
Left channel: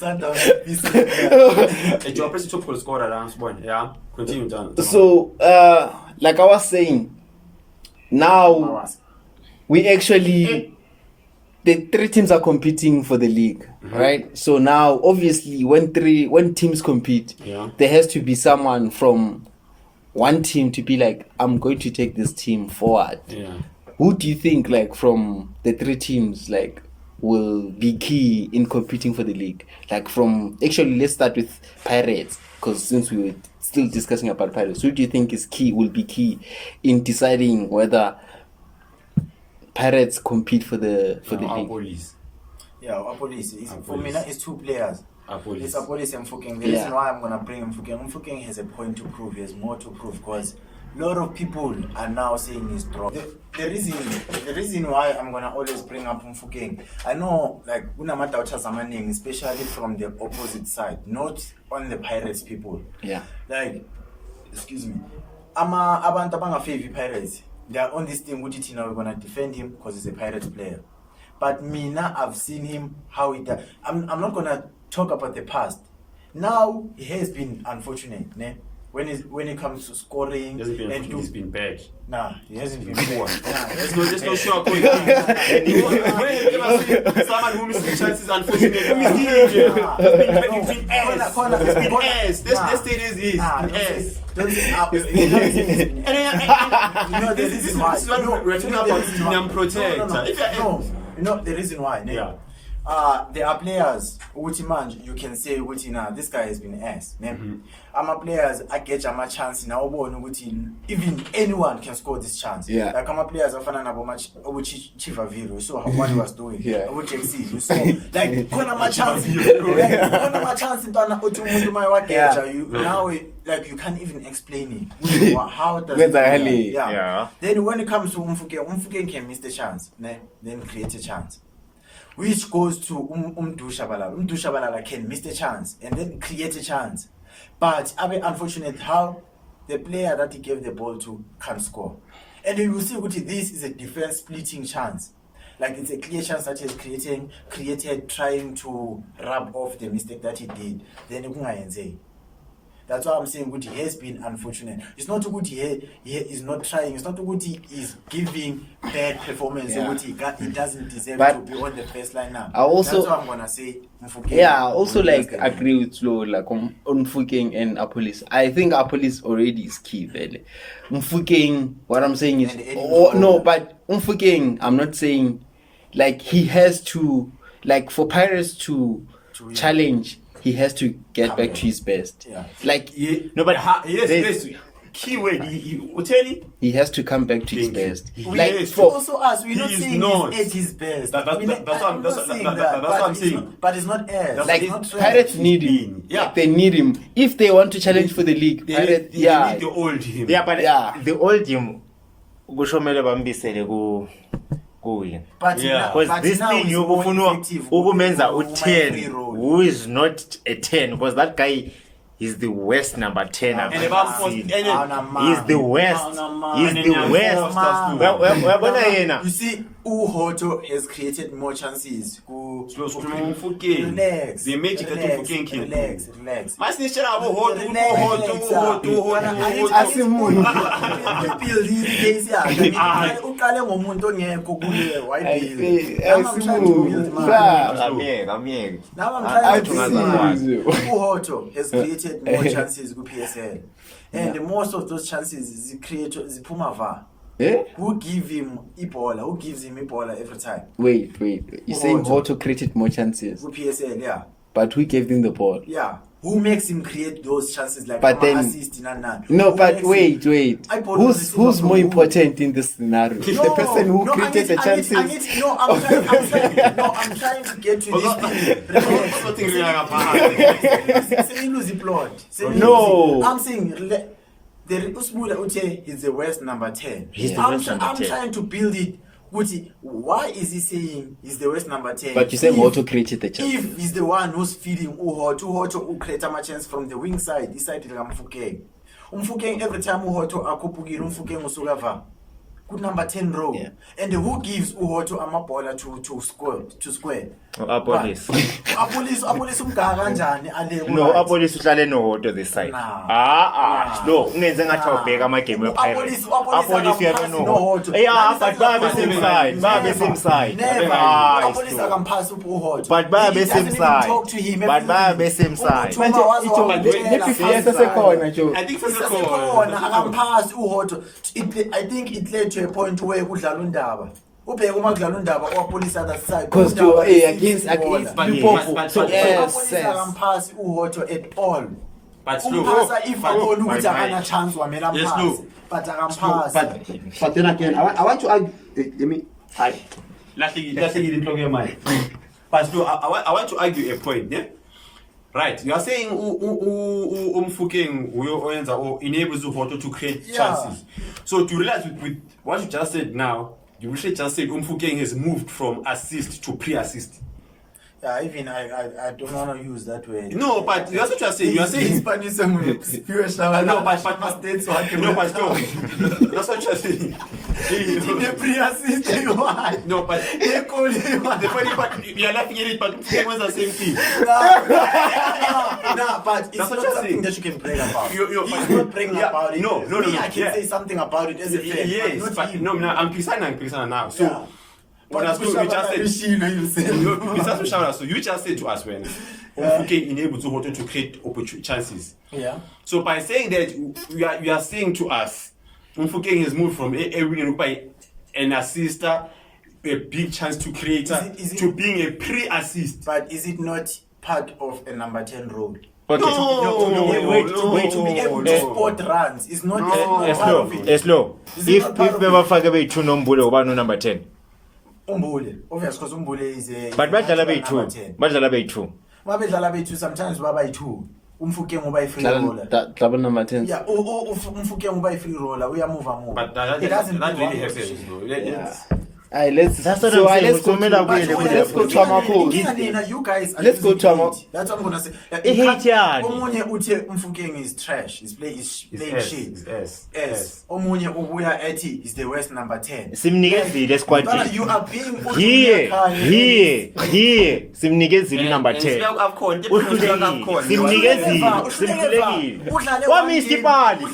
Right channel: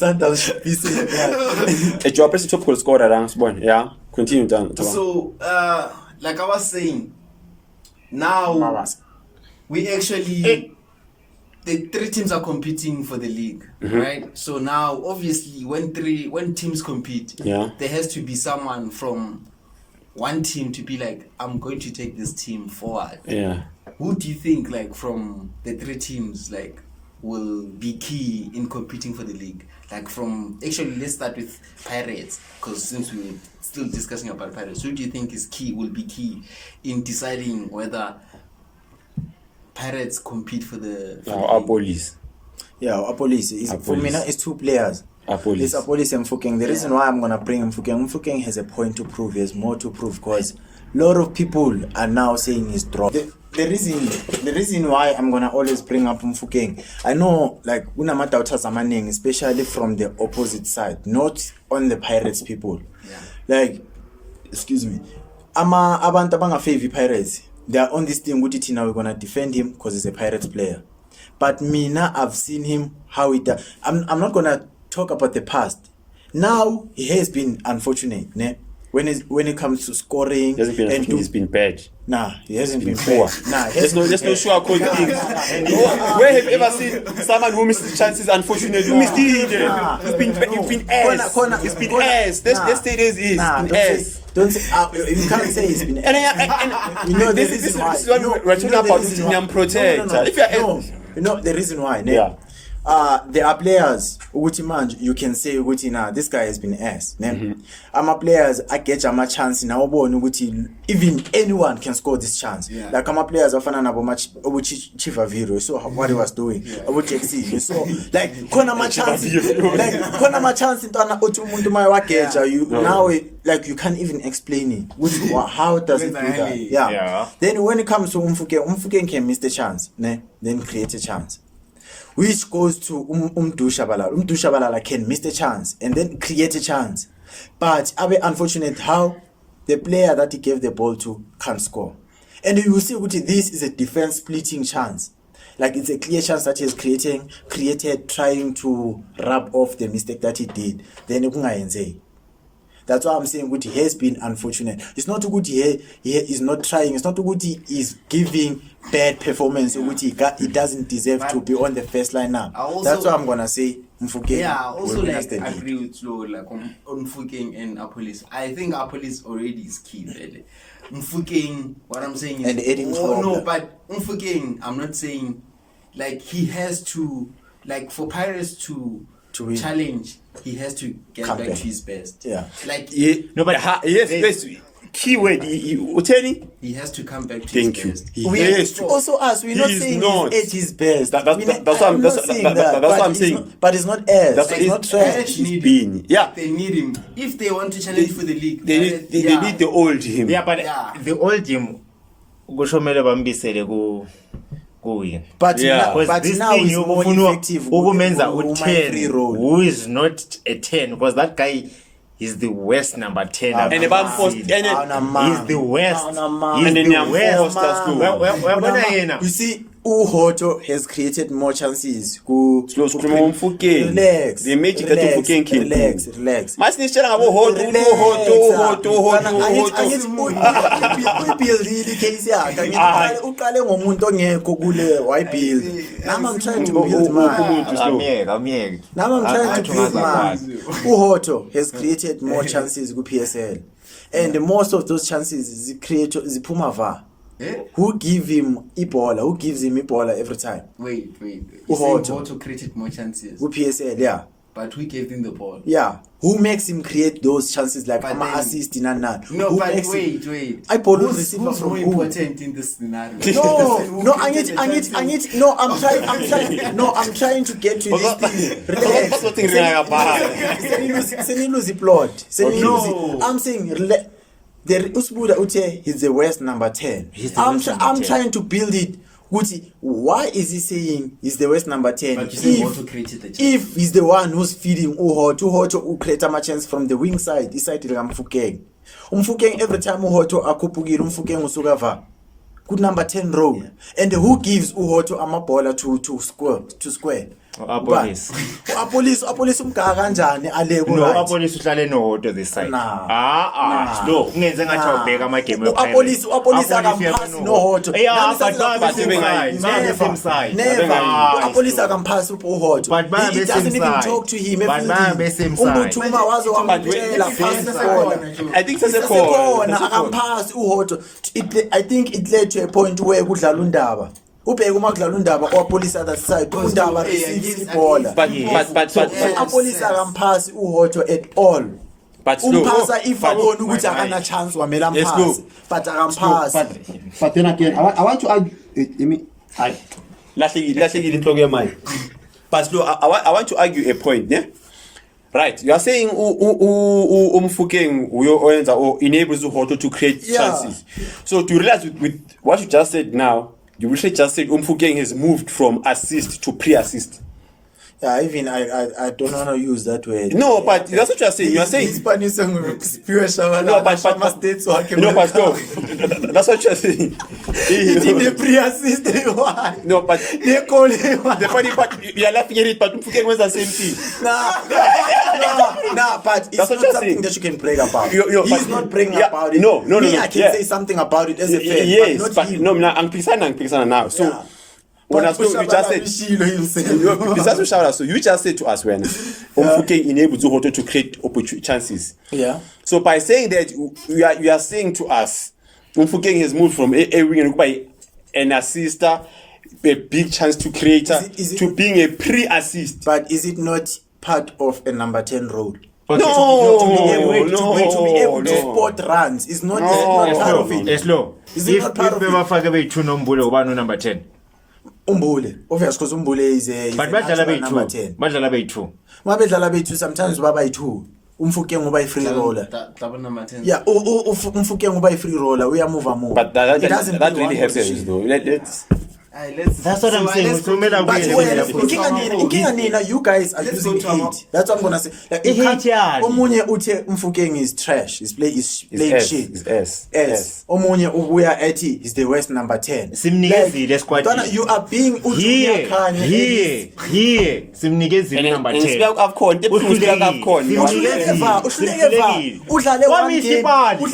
Sundowns should be saying that. Joe press top goal scorer la sibone. Yeah. Continue down. So, like I was saying, now we actually the 3 teams are competing for the league, right? So now, obviously, when teams compete, there has to be someone from one team to be like, I'm going to take this team forward. Yeah. Who do you think, like, from the 3 teams, like, will be key in competing for the league? Like, actually, let's start with Pirates, because since we were still discussing about Pirates, who do you think will be key in deciding whether Pirates compete for the Our league? police. Yeah, Apolis is for me now. It's 2 players. Apolis. It's Apolis and Mfukeng. The reason why I'm gonna bring Mfukeng has a point to prove. He has more to prove because a lot of people are now saying he's dropped. The reason why I'm gonna always bring up Mfukeng, I know like unamadauta zamaning, especially from the opposite side, not on the Pirates people. Yeah. Like, excuse me, abantu abangafavor Pirates. They are on this thing. Now we're gonna defend him because he's a Pirates player. But Mina, I've seen him how he does. I'm not gonna talk about the past. Now he has been unfortunate, ne? When it comes to scoring, He's been bad. Nah, he hasn't been poor. Nah, There's no sure thing. And where have you ever seen someone who missed chances? Unfortunately, He's been ass. He's been ass. Let's say this is ass. Don't say you can't say he's been ass. You know This is what we're talking about. Stadium protector. You know the reason why? Ne? Yeah. There are players you can say this guy has been ass. Players I get a chance now even anyone can score this chance. Yeah. Like players are fan about match Chifa Viro. So what he was doing. Yeah. You saw like Kona chance. Like Kona chance in now like you can't even explain it. How does it do that? Yeah. Then when it comes to Mfukeng can miss the chance, ne? Then create a chance. Which goes to Umdushabalala. Umdushabalala can miss the chance and then create a chance. But unfortunate how the player that he gave the ball to can't score. And you will see this is a defense splitting chance. Like it's a clear chance that he has created trying to rub off the mistake that he did. Then that's why I'm saying he has been unfortunate. It's not good he is not trying. It's not good he is giving bad performance. Yeah. He doesn't deserve to be on the first line now. That's what I'm gonna say. Mfukeng. Yeah, I also like agree with Flo like on Mfukeng and Apolis. I think Apolis already is key, really. Mfukeng, what I'm saying is but Mfukeng, I'm not saying like he has to like for Pirates to challenge. He has to get back to his best. Yeah. Like yes. Keyword. He has to come back to his best. Yes. Also us, we're not saying he's at his best. That's what I'm saying. But it's not as. Like Pirates need him. Yeah, they need him if they want to challenge for the league. They need the old him. Yeah, but the old him. Kushomele bambisele ku. But this thing you menza u10 who is not a 10 because that guy is the worst number 10 and he's the worst you see Uhoto has created more chances relax the magic that Mfukeng can relax masinishela ngabo Uhoto build the case yakhe uqale ngomuntu ongekho kule wayibuild I'm trying to build Uhoto has created more chances ku PSL and most of those chances ziphuma va. Who gives him Ebola every time? Wait. You saying Hoto created more chances? With PSL, yeah. But who gave him the ball? Yeah. Who makes him create those chances like assist in and none? No, but wait. Who's more important in this scenario? I'm trying to get to this thing. I'm saying Usbuda Ute is the worst number 10. I'm trying to build it. Why is he saying he's the worst number 10? But you say Hoto created the chance. If he's the one who's feeding Uhoto who create a chance from the wing side, this side Mfukeng. Mfukeng every time Uhoto akupugir Mfukeng usugava. Good number 10 row. Yeah. And who gives Uhoto a bola to square? Apolice. Apolice umgaka kanjani ale ku No, right? Apolice uhlale nohodo this side. Nah. No, ungenze ngathi awubheka ama game we Pirates. Apolice uyabe akampasi nohodo. nohodo. Yeah, Nani but babe sengaphansi same side. Babe same side. Never. Apolice Slow. akampasi uhodo. But babe He doesn't same even side. talk to him. But babe same side. Umuthuma wazo wamtshela I think sesekhona akampasi uhodo. I think it led to a point where kudlala undaba. Ubheka uma kudlala undaba owapolice other side undaba against so yes, apolice yes. akampasi uhodo at all. But slow. Umphasa if abona my ukuthi akana chance wamela Yes, amphasi slow. but akampasi. But then again, I want to argue. Let me. Lahlekile inhloko yemali. But no, I want to argue a point, yeah? Right, you are saying Umfukeng oyenza or enables Uhoto to create Yeah. chances. So to realize with what you just said now, you really just said Umfukeng has moved from assist to pre-assist. Yeah, even I don't want to use that word. No, but that's what you are saying. You are saying Spanish spiritual. no, but states so I can no, but no. That's what you are saying. in the pre-assist one. No, but They call him. the funny part, you are laughing at it, but Umfukeng was the same thing. No, but it's That's what not you're something saying. that you can brag about. But- He's not bragging yeah, about it. no, Me, no, I can yeah. say something about it as a fan. Yes, but but not him. no, I'm Pisana now. So Yeah. when I But spoke, you just said so you just said to us when Umfukeng enables Uhoto to create opportunity chances. Yeah. So by saying that you are saying to us Umfukeng has moved from a wing by an assister, a big chance to creator Is it- to being a pre-assist. But is it not part of a number 10 role? Okay. Wait, wait. to be able to No. spot runs is not, No. it's not part of it. Eslo. Is it If not part of it? bebafake beyi-2 nombule ubani number 10. Umbule. Obvious because Umbule is a But badlala number beyi-2. 10. Badlala beyi-2. Mabedlala bethu sometimes baba yi2. Umfukeng uba yi-free roller. Double number 10. Yeah, umfukeng uba yi-free roller. Uyamove. But that It doesn't really do one happens position. though. Let's That's what I'm saying. Let's go Usomela to- kuyele But kule let's go to lapho. Amapholi. Nina, you guys are Let's go losing to our- hate. That's what I'm gonna say. Like, I you hate can't- yani. Omunye uthe Umfukeng is trash. He's playing shit. S. S. Omunye ubuya ethi is the worst number 10. Simnikezile squad. Mntwana, you are being Here. Simnikezile number 10. Uhlulekile. Simnikezile. Wamistipali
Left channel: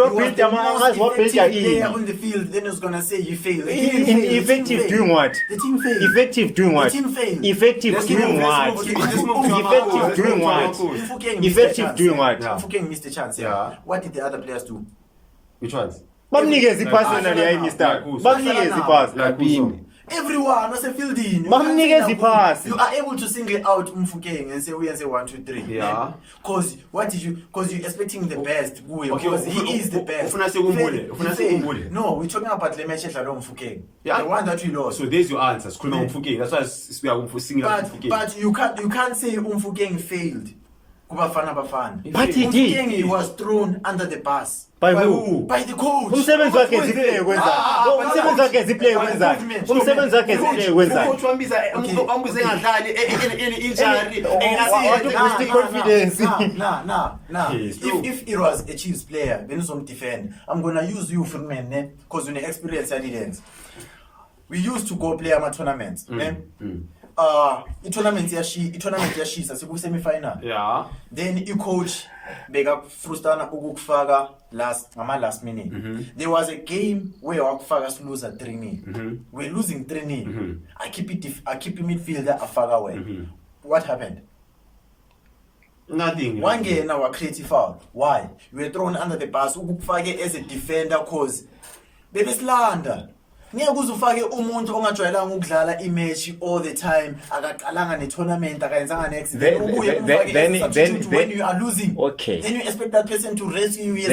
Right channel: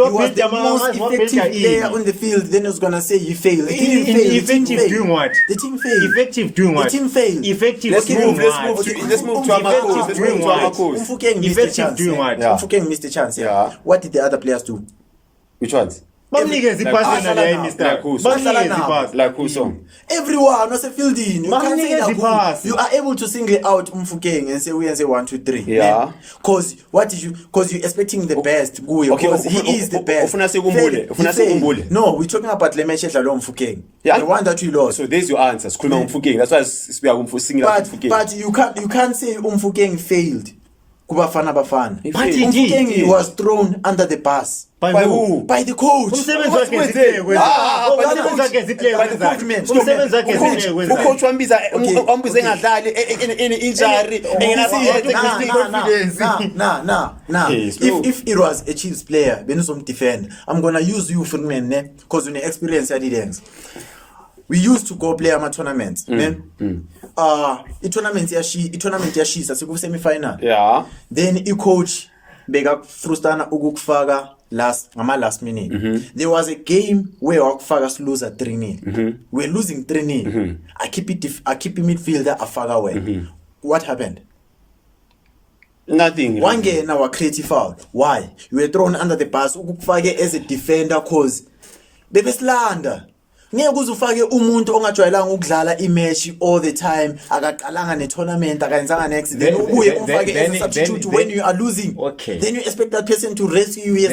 wabuild player on the field, then he's gonna say you failed. Effective doing what? The team failed. Effective doing what? The team failed. Effective Let's doing move what? to Amapholi. Effective doing what? Umfukeng missed Effective a chance. doing what? Yeah. Umfukeng missed a chance. Yeah. What did the other players do? Which ones? Bamnikeze ipasi yona leya imistake. Bamnikeze ipasi. Like who so? Everyone was a fielding. You Bamnikeze can't say that ipasi. you are able to single out Umfukeng and say we and say 1, 2, 3. Yeah. Because you're expecting the best. Okay, Because he is the best. ufuna sekumbule, Failed. ufuna He failed. sekumbule. No, we're talking about le match edlalwe Umfukeng. Yeah. The one that we lost. So there's your answer. Sikhuluma Umfukeng. That's why we are singing Umfukeng. But you can't say Umfukeng failed. Kubafana bafana. But he Umfukeng did. was thrown under the bus. By who? By the coach. Umsebenzi wakhe ziplay kwenza. Umsebenzi wakhe ziplay kwenza. Umsebenzi wakhe ziplay kwenza. Ucoach wambiza engadlali injury. Nah. Yes, bro. If it was a Chiefs player, defend. I'm gonna use you for me, because you experience at we used to go play ama tournaments, i-tournament yashisa siku-semi final. Yeah. Then i-coach beka frustana ukukufaka last minute. There was a game where wakufaka siluza 3-0. We're losing 3-0. I keep midfielder afaka wena. What happened? Nothing. Wangena wa creative foul. Why? You were thrown under the bus ukufake as a defender cause bebesilanda. Ngeke uzufake umuntu ongajwayelanga ukudlala imatch all the time akaqalanga ne-tournament akayenzanga ne-accident ubuye umfake as a substitute when you are losing. Okay. Then you expect that person to rescue you. He has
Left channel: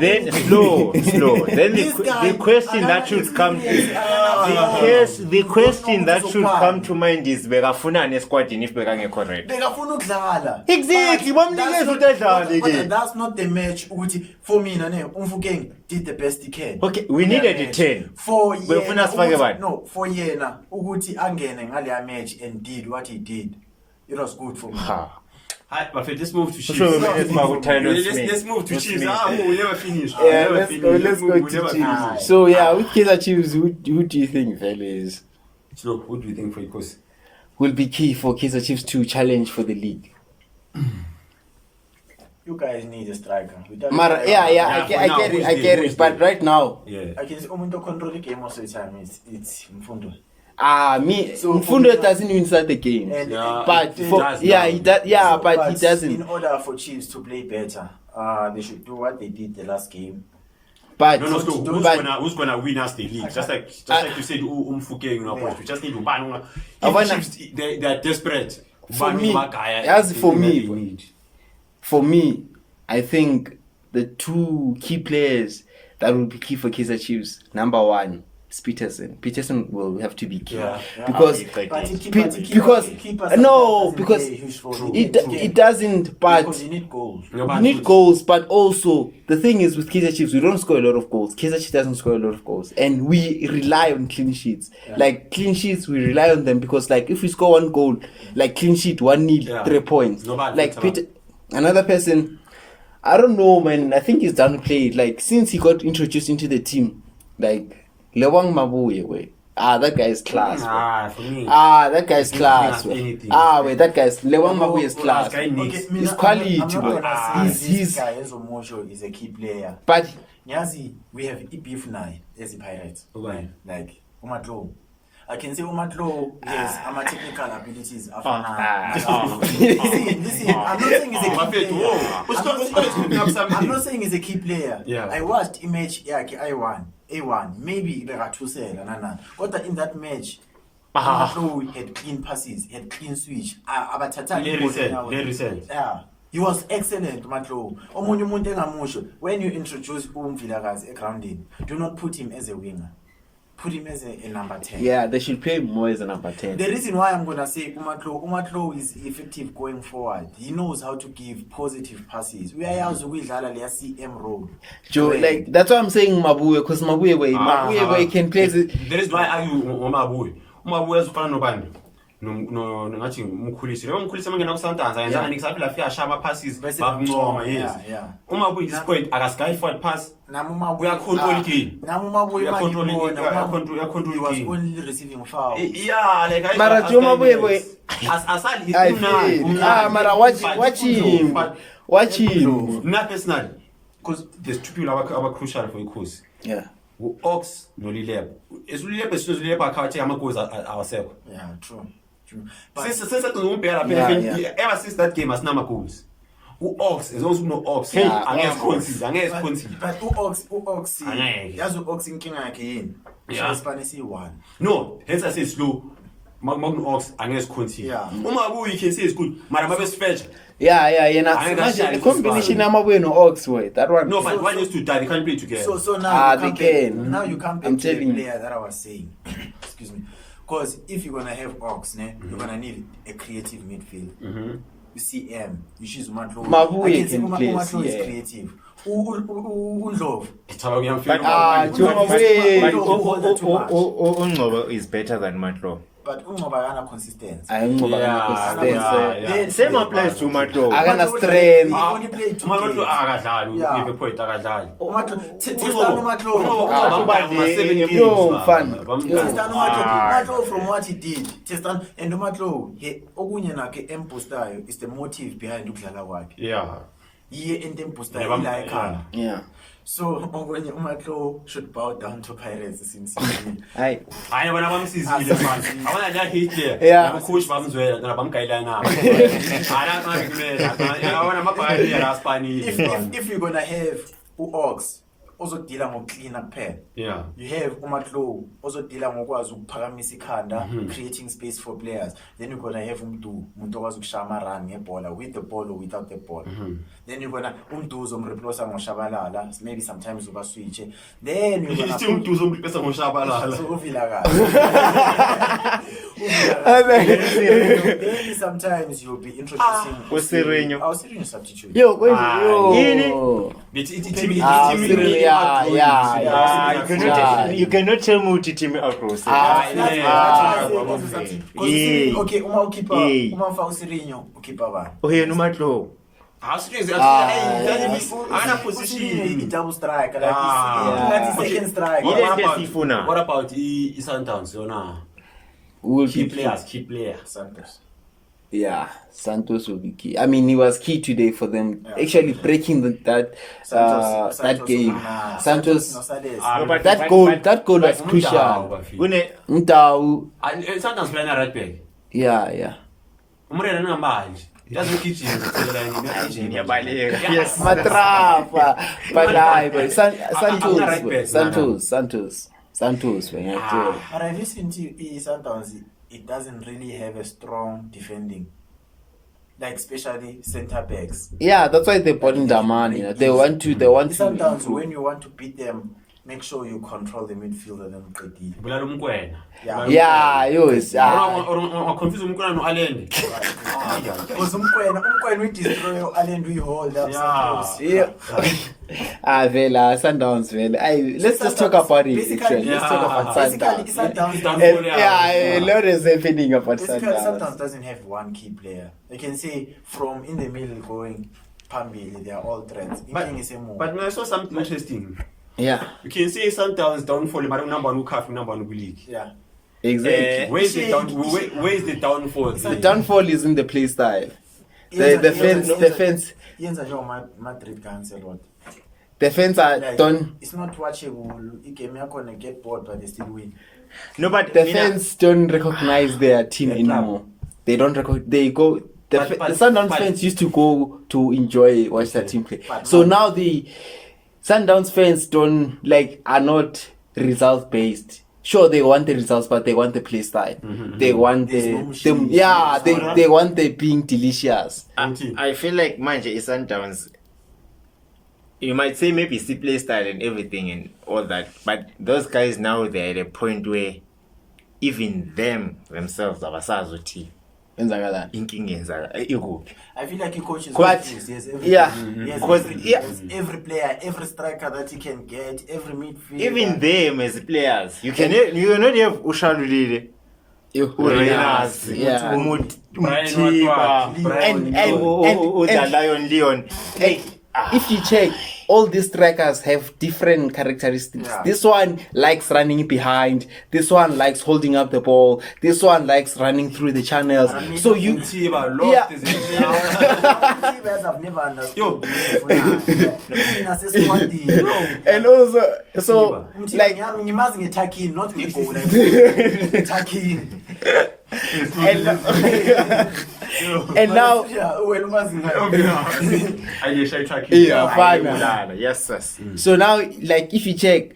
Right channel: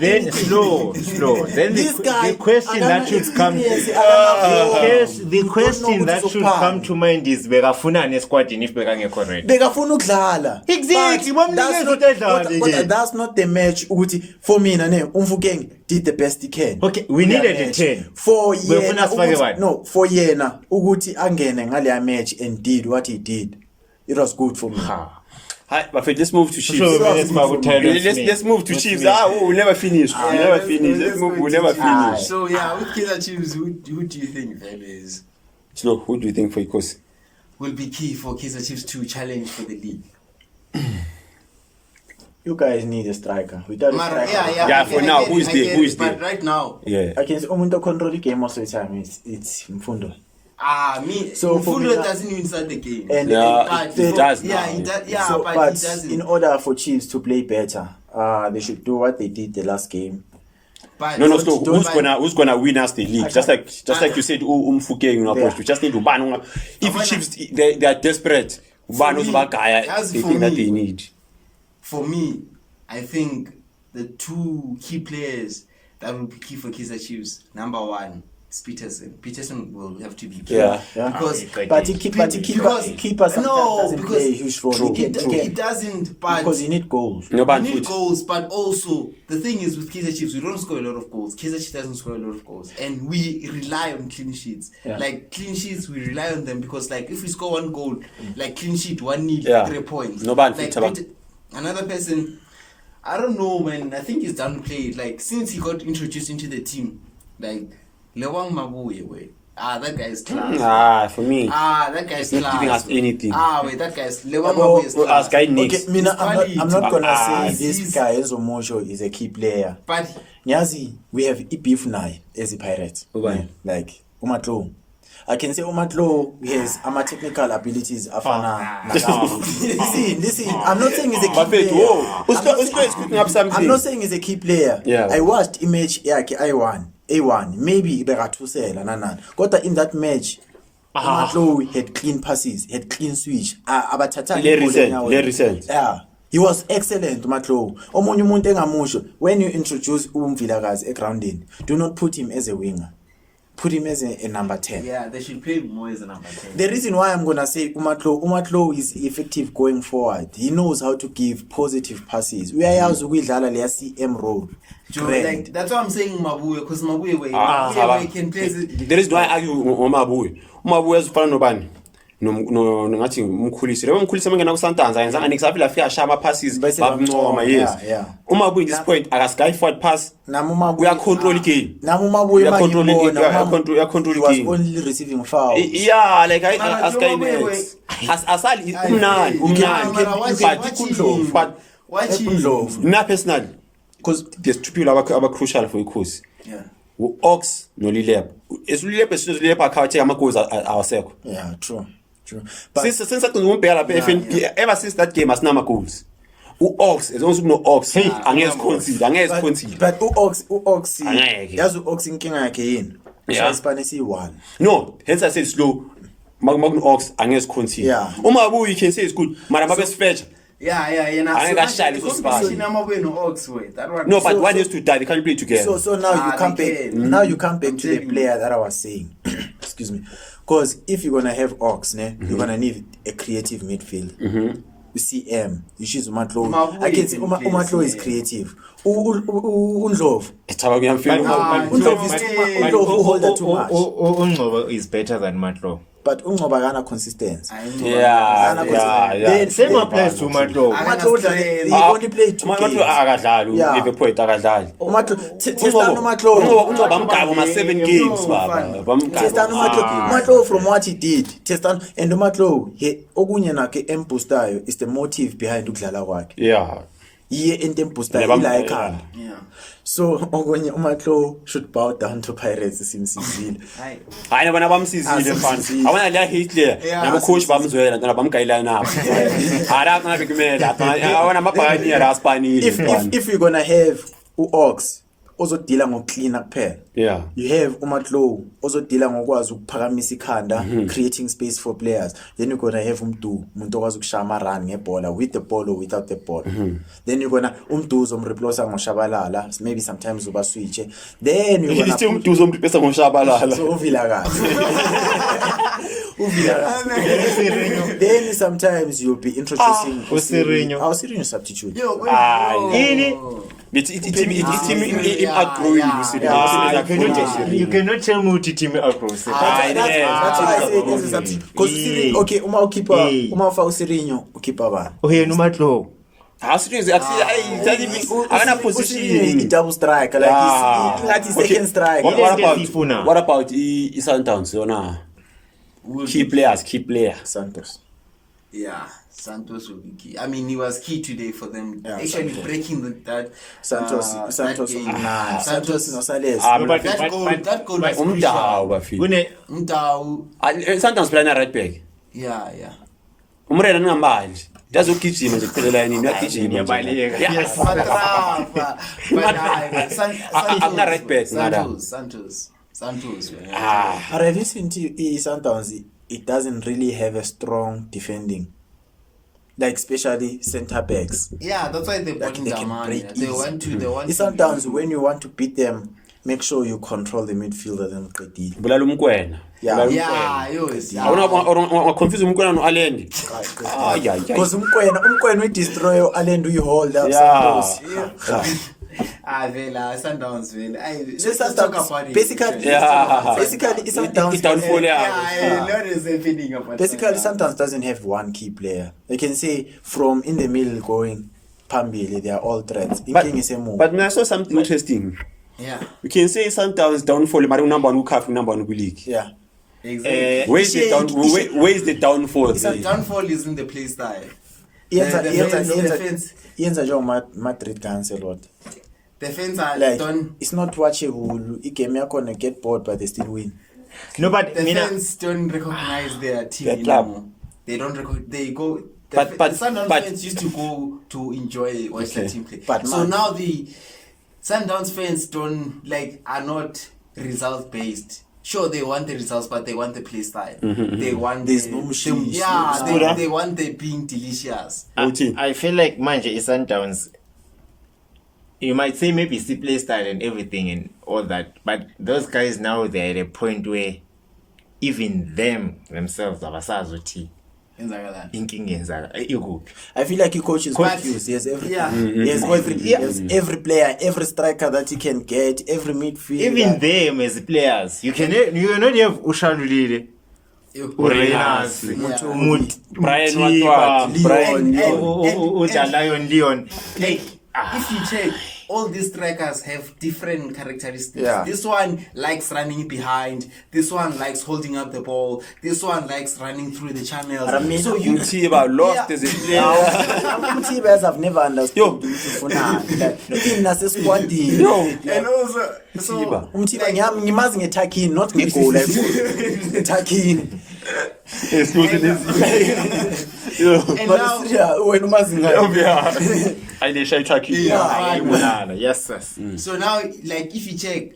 Then never done slow. anything. Then This guy, the question I that don't should come experience, the question that should ukuzophala. come to mind is bekafunani esquadini if bekangekho ready. Bekafuna ukudlala. Exactly, But bamnikeze that's not- ukuthi adlale but ke. that's not the match ukuthi for mina Umfukeng did the best he can. Okay, we needed a 10. For Befuna sifake bani? no, for yena ukuthi angene ngale match and did what he did. It was good for me. Hi, but let's move to Chiefs. Sure, let's move to Let's move to What's Chiefs. me? We'll never finish. We'll never finish. We'll never finish. So yeah, with Kaizer Chiefs, who do you think fellas? So who do you think for Ikosi? will be key for Kaizer Chiefs to challenge for the league. You guys need a striker. Without a Mara, striker, yeah, for now, who's I there? get Who it, is but there? right now, Yeah. I can say umuntu control the game most of the time. It's Mfundo. So for Mfundo me, doesn't even start the game. And Yeah, but it for- does yeah, now. he does, yeah, So, but he doesn't. In order for Chiefs to play better, they should do what they did the last game. But No, so but- who's gonna win us the league? Just like you said, Umfuke, you know, Yeah. we just need to ban. If Abana- Chiefs they are desperate, ban me, Bagaya, as the for thing that me- they need. For me, I think the two key players that will be key for Kaizer Chiefs. Number one is Peterson. Peterson will have to be key. Yeah. Because But he keep, because keeper no, sometimes doesn't because play a huge role. it, He can- it doesn't. But because you need goals. No, you ban need foot. goals, but also the thing is with Kaizer Chiefs, we don't score a lot of goals. Kaizer Chiefs doesn't score a lot of goals, and we rely on clean sheets. Yeah. Like clean sheets, we rely on them because like if we score one goal, like clean sheet, 1-0, Yeah. 3 points. No bad like foot, another person, I don't know, man. I think he's downplayed. Like since he got introduced into the team, like Lewang Mabuye, wait. That guy is class. For me. That guy's He's not giving class. us anything. Wait, that guy's Lewang Mabuye is class. Guy next. Okay, mina, His quality I'm not to- gonna say he's- this guy Enzo Mosho is a key player. But Nyazi, we have beef now as a Pirates. Okay. Like Umatlo. I can say Umatlo has technical abilities. Listen, I'm not saying he's a key Buffett, player. whoa. Let's cooking up something. I'm not saying he's a key player. Yeah. I watched image yakhe A1. Maybe bekathusela nana. Kodwa in that match, Umatlo had clean passes, had clean switch. Abathatha Le ibhola recent, enyaweni. le recent. Yeah. He was excellent, Umatlo. Omunye umuntu engamusho, when you introduce Umvilakazi egroundini, do not put him as a winger. Put him as a number 10. yeah, they should play more as a number 10. The reason why I'm gonna say Umatlo is effective going forward. He knows how to give positive passes. We are ukuyidlala leya CM role. Joe, Great. like that's why I'm saying Mabuye, because Mabuye where he can play. There is why I argue ngoMabuye. uMabuye uzifana nobani? No ngathi umkhulisi. Lebo umkhulisi mangena kuSundowns ayenza annex afika afika shama passes Bese babuncoma, yes. yeah. uMabuye this point akasky forward pass. Nami Umabuye We are controlling game. Nami Umabuye We are controlling it. mangibona, We are controlling he was game. only receiving fouls. Yeah, like I Mara, as Joe guy Mabuye, next. Asali I umnandi. feel- Mara, watch him. But Watch him. na personally Because there's two people aba crucial for ikhosi. Yeah. Ox no Lilep. Esulilep esulilep akhawathi amagoals awasekho. yeah, true. But Since I don't bheka lapha Yeah, FNB ever since that game asinama goals. Ox as long as no Ox angeze concede. but u-Ox Angeke. yazi u-Ox inkinga yakhe yini? Yeah. Isipani siyi-1. No, hence I say slow. Magun Ox angeze concede. Yeah. Umabuye you can say it's good. Mara babe sifetch. Yeah. I got shot The in this combination ball. Mabuye no Ox way. That one. No, but So- one has to die. They can't play together. So now you come they back. can. Now you come back I'm to the telling you. player that I was saying. Excuse me. Because if you're gonna have Ox, you're gonna need a creative midfield. CM, you choose Umatlo. Mabuye I can say can play Umatlo is CM. creative. Undlovu. Echaba kuyamfika. Ungcobo is better than Matlo. But Ungcobo akana consistency. Yeah. Same applies to Matlo. Akana strength. He only played 2 Umatlo games. akadlali, Yeah. ulive point akadlali. Testani Umatlo. Bamgaba 7 games baba. Testani Umatlo from what he did. Testani and Umatlo okunye nakhe emboostayo is the motive behind ukudlala kwakhe. Yeah. Iye into emboostayo Nebam- ila ekhanda. Yeah. So okunye Umatlo should bow down to Pirates simsizile. Hayi. Hayi bona bamsizile mfana. Abanye la Hitler. Yeah. Nabo coach bamzwela nabo bamgayila na. Ara ngabe kumela. Abona mabhani la Spanish. If you're gonna have u-Ox ozodila ngokcleana kuphela. Yeah. You have uMatlo ozodila ngokwazi ukuphakamisa ikhanda, creating space for players. Then you're gonna have umuntu okwazi ukushama run ngebhola with the ball or without the ball. Then you're gonna uMdu uzomreplace ngoshabalala, maybe sometimes uba switch. Then you're gonna Still umduzo umprepesa ngoshabalala. so Uvilakazi. Then sometimes you'll be introducing Usirinyo. Usirinyo substitute. Yo, wait. Ini? It's You cannot tell me to team across. That's why I say this is okay. because okay, uma ukhipha Yeah. uma ufa Usirinyo ukhipha bani? Oh, here no Matlo. Ana position. Double striker like he's second striker. Ile nto esiyifuna. What about i-Sundowns yona? will Key be player. Santos. Yeah, Santos will be key. I mean, he was key today for them Yeah, actually breaking that Santos game. nah, Santos, no Sales. No, but- that goal was Umtao, crucial. bafile. Mtau, Sometimes playing right back. yeah. Umrena ngambali. Yazogijima nje kuphela yini uyagijima. Ngiyabaleka. Yes. Matrapa. But I'm not right back, Santos. Man. But have you seen Sundowns? It doesn't really have a strong defending, like especially centre backs. Yeah, that's why they bought Like, they can Ndamani. break They easy. want to. Sometimes when you want to beat them, make sure you control the midfielder then Qedile. Bulala umkwena. Yeah. Yeah, yes. Or confuse umkwena no Allende. Because Umkwena we destroy Allen, we hold up. Santos. Vela, Sundowns, man. Let's just talk about it. Basically, It's Sundowns. downfall. Yeah, a lot is happening about Basically, Sundowns. Sundowns doesn't have one key player. You can say from in the middle going Pambili, they are all threats. But I saw something interesting. Yeah, You can say Sundowns downfall, but number one calf, number one league. yeah. exactly. Where is the downfall? The downfall is in the play style. The fence. Madrid cancel what? The fence are Like, done. it's not watchable. You can gonna get bored, but they still win. No, but The Mina, fans don't recognize their team Their club. anymore. They don't recognize. They go. The But- Sundowns but- fans used to go to watch their team play. But So man- now the Sundowns fans are not result based. Sure, they want the results, but they want the play style. They want There's no machine, they want the being delicious. I feel like Manje is Sundowns. You might say maybe it's the play style and everything and all that, but those guys now they're at a point where even themselves abasazuthi Inzagala. inkinga yenzaka ikuphi. I feel like your coach is But- confused. He has everything. Yeah. He has Because- everything. yeah. He has every player, every striker that he can get, every midfielder. Even them as players, you cannot have Ushalulile, Urenas, Yeah. Brian Mutiba, Watford, Brian- and- Lion Leon. Like, if you check, all these strikers have different characteristics. Yeah. This one likes running behind. This one likes holding up the ball. This one likes running through the channels. I mean, So you Mutiba lost Yeah. as a player. Mutibas I've never understood. Yo. and also so Like ngimazi nge-Takin, not nge-goal. Takin. and now when umazi ngayo. Alisha Taki. Yeah. Fine. Ayibulala. Yes, yes. so now like if you check,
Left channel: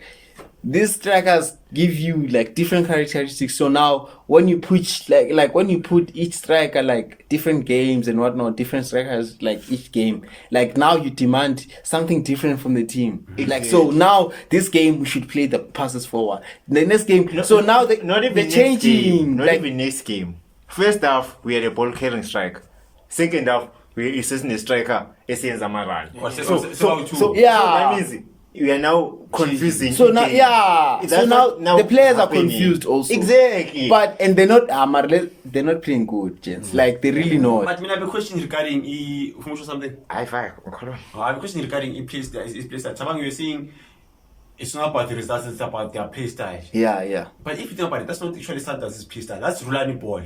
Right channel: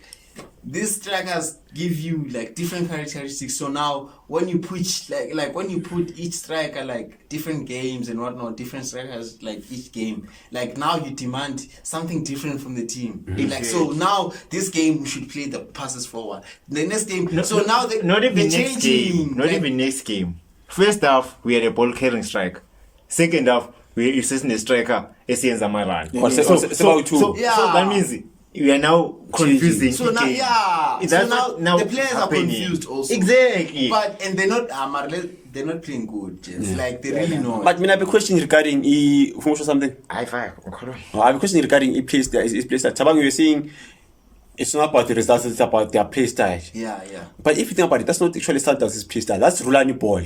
these strikers give you like different characteristics. So now when you put like when you put each striker like different games and whatnot, different strikers like each game, like now you demand something different from the team. Like so now this game we should play the passes forward. The next game, so now Not even they're next changing. game. Not like, even next game. First half, we had a ball carrying strike. Second half, we assisting a striker. Esienza Maran. So Yeah. that means we are now confusing. So now, again. yeah. That's So now what the players happening. are confused also. Exactly. But and they're not they're not playing good, gents. Like they really know. But I have a question regarding something. I have I have a question regarding play style. Tabang, you're saying it's not about the results, it's about their play style. Yeah. But if you think about it, that's not actually Sundowns' play style. That's Rulani ball.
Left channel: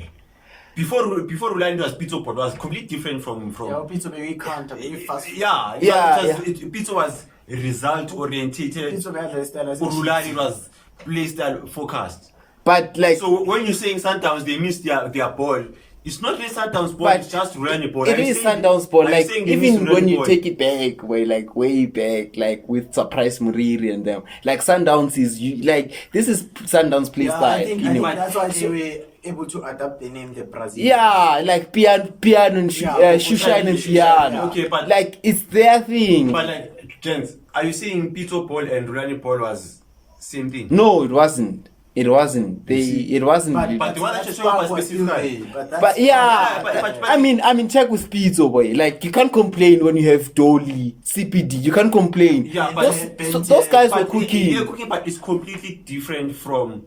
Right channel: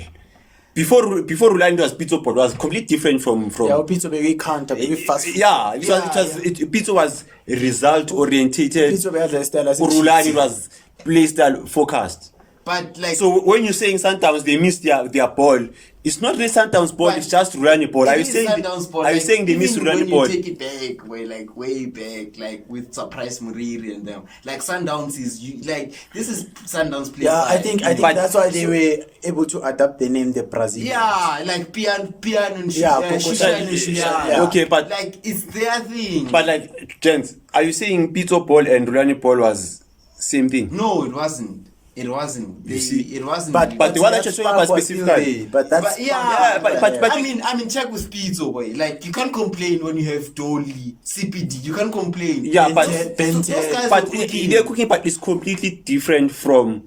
Before Rulani was Pizzo ball was completely different from. Yeah, Pizzo baby counter, baby fast. Pizzo was result orientated. Pizzo baby has a style as a Rulani cheat. was play style focused. But like So when you're saying Sundowns, they miss their ball. It's not really Sundowns ball. But It's just Rulani ball. it is Sundowns ball. Are you Like, saying they miss even Rulani when you ball? take it back, way back, like with Surprise Muriri and them, like Sundowns this is Sundowns play Yeah, style. I think But- that's why they were able to adapt the name the Brazil. Yeah, like Pian and Shushan and Shuyan. Yeah. Okay, but Like it's their thing. But like, gents, are you saying Pizzo ball and Rulani ball was same thing? no, it wasn't. It wasn't. It wasn't. But really. But the one that you're talking about specifically. But that's But yeah, but- I mean, check with Pizzo, boy. Like you can't complain when you have Dolly, CPD. You can't complain. Yeah, but those guys are but cooking. they're cooking, but it's completely different from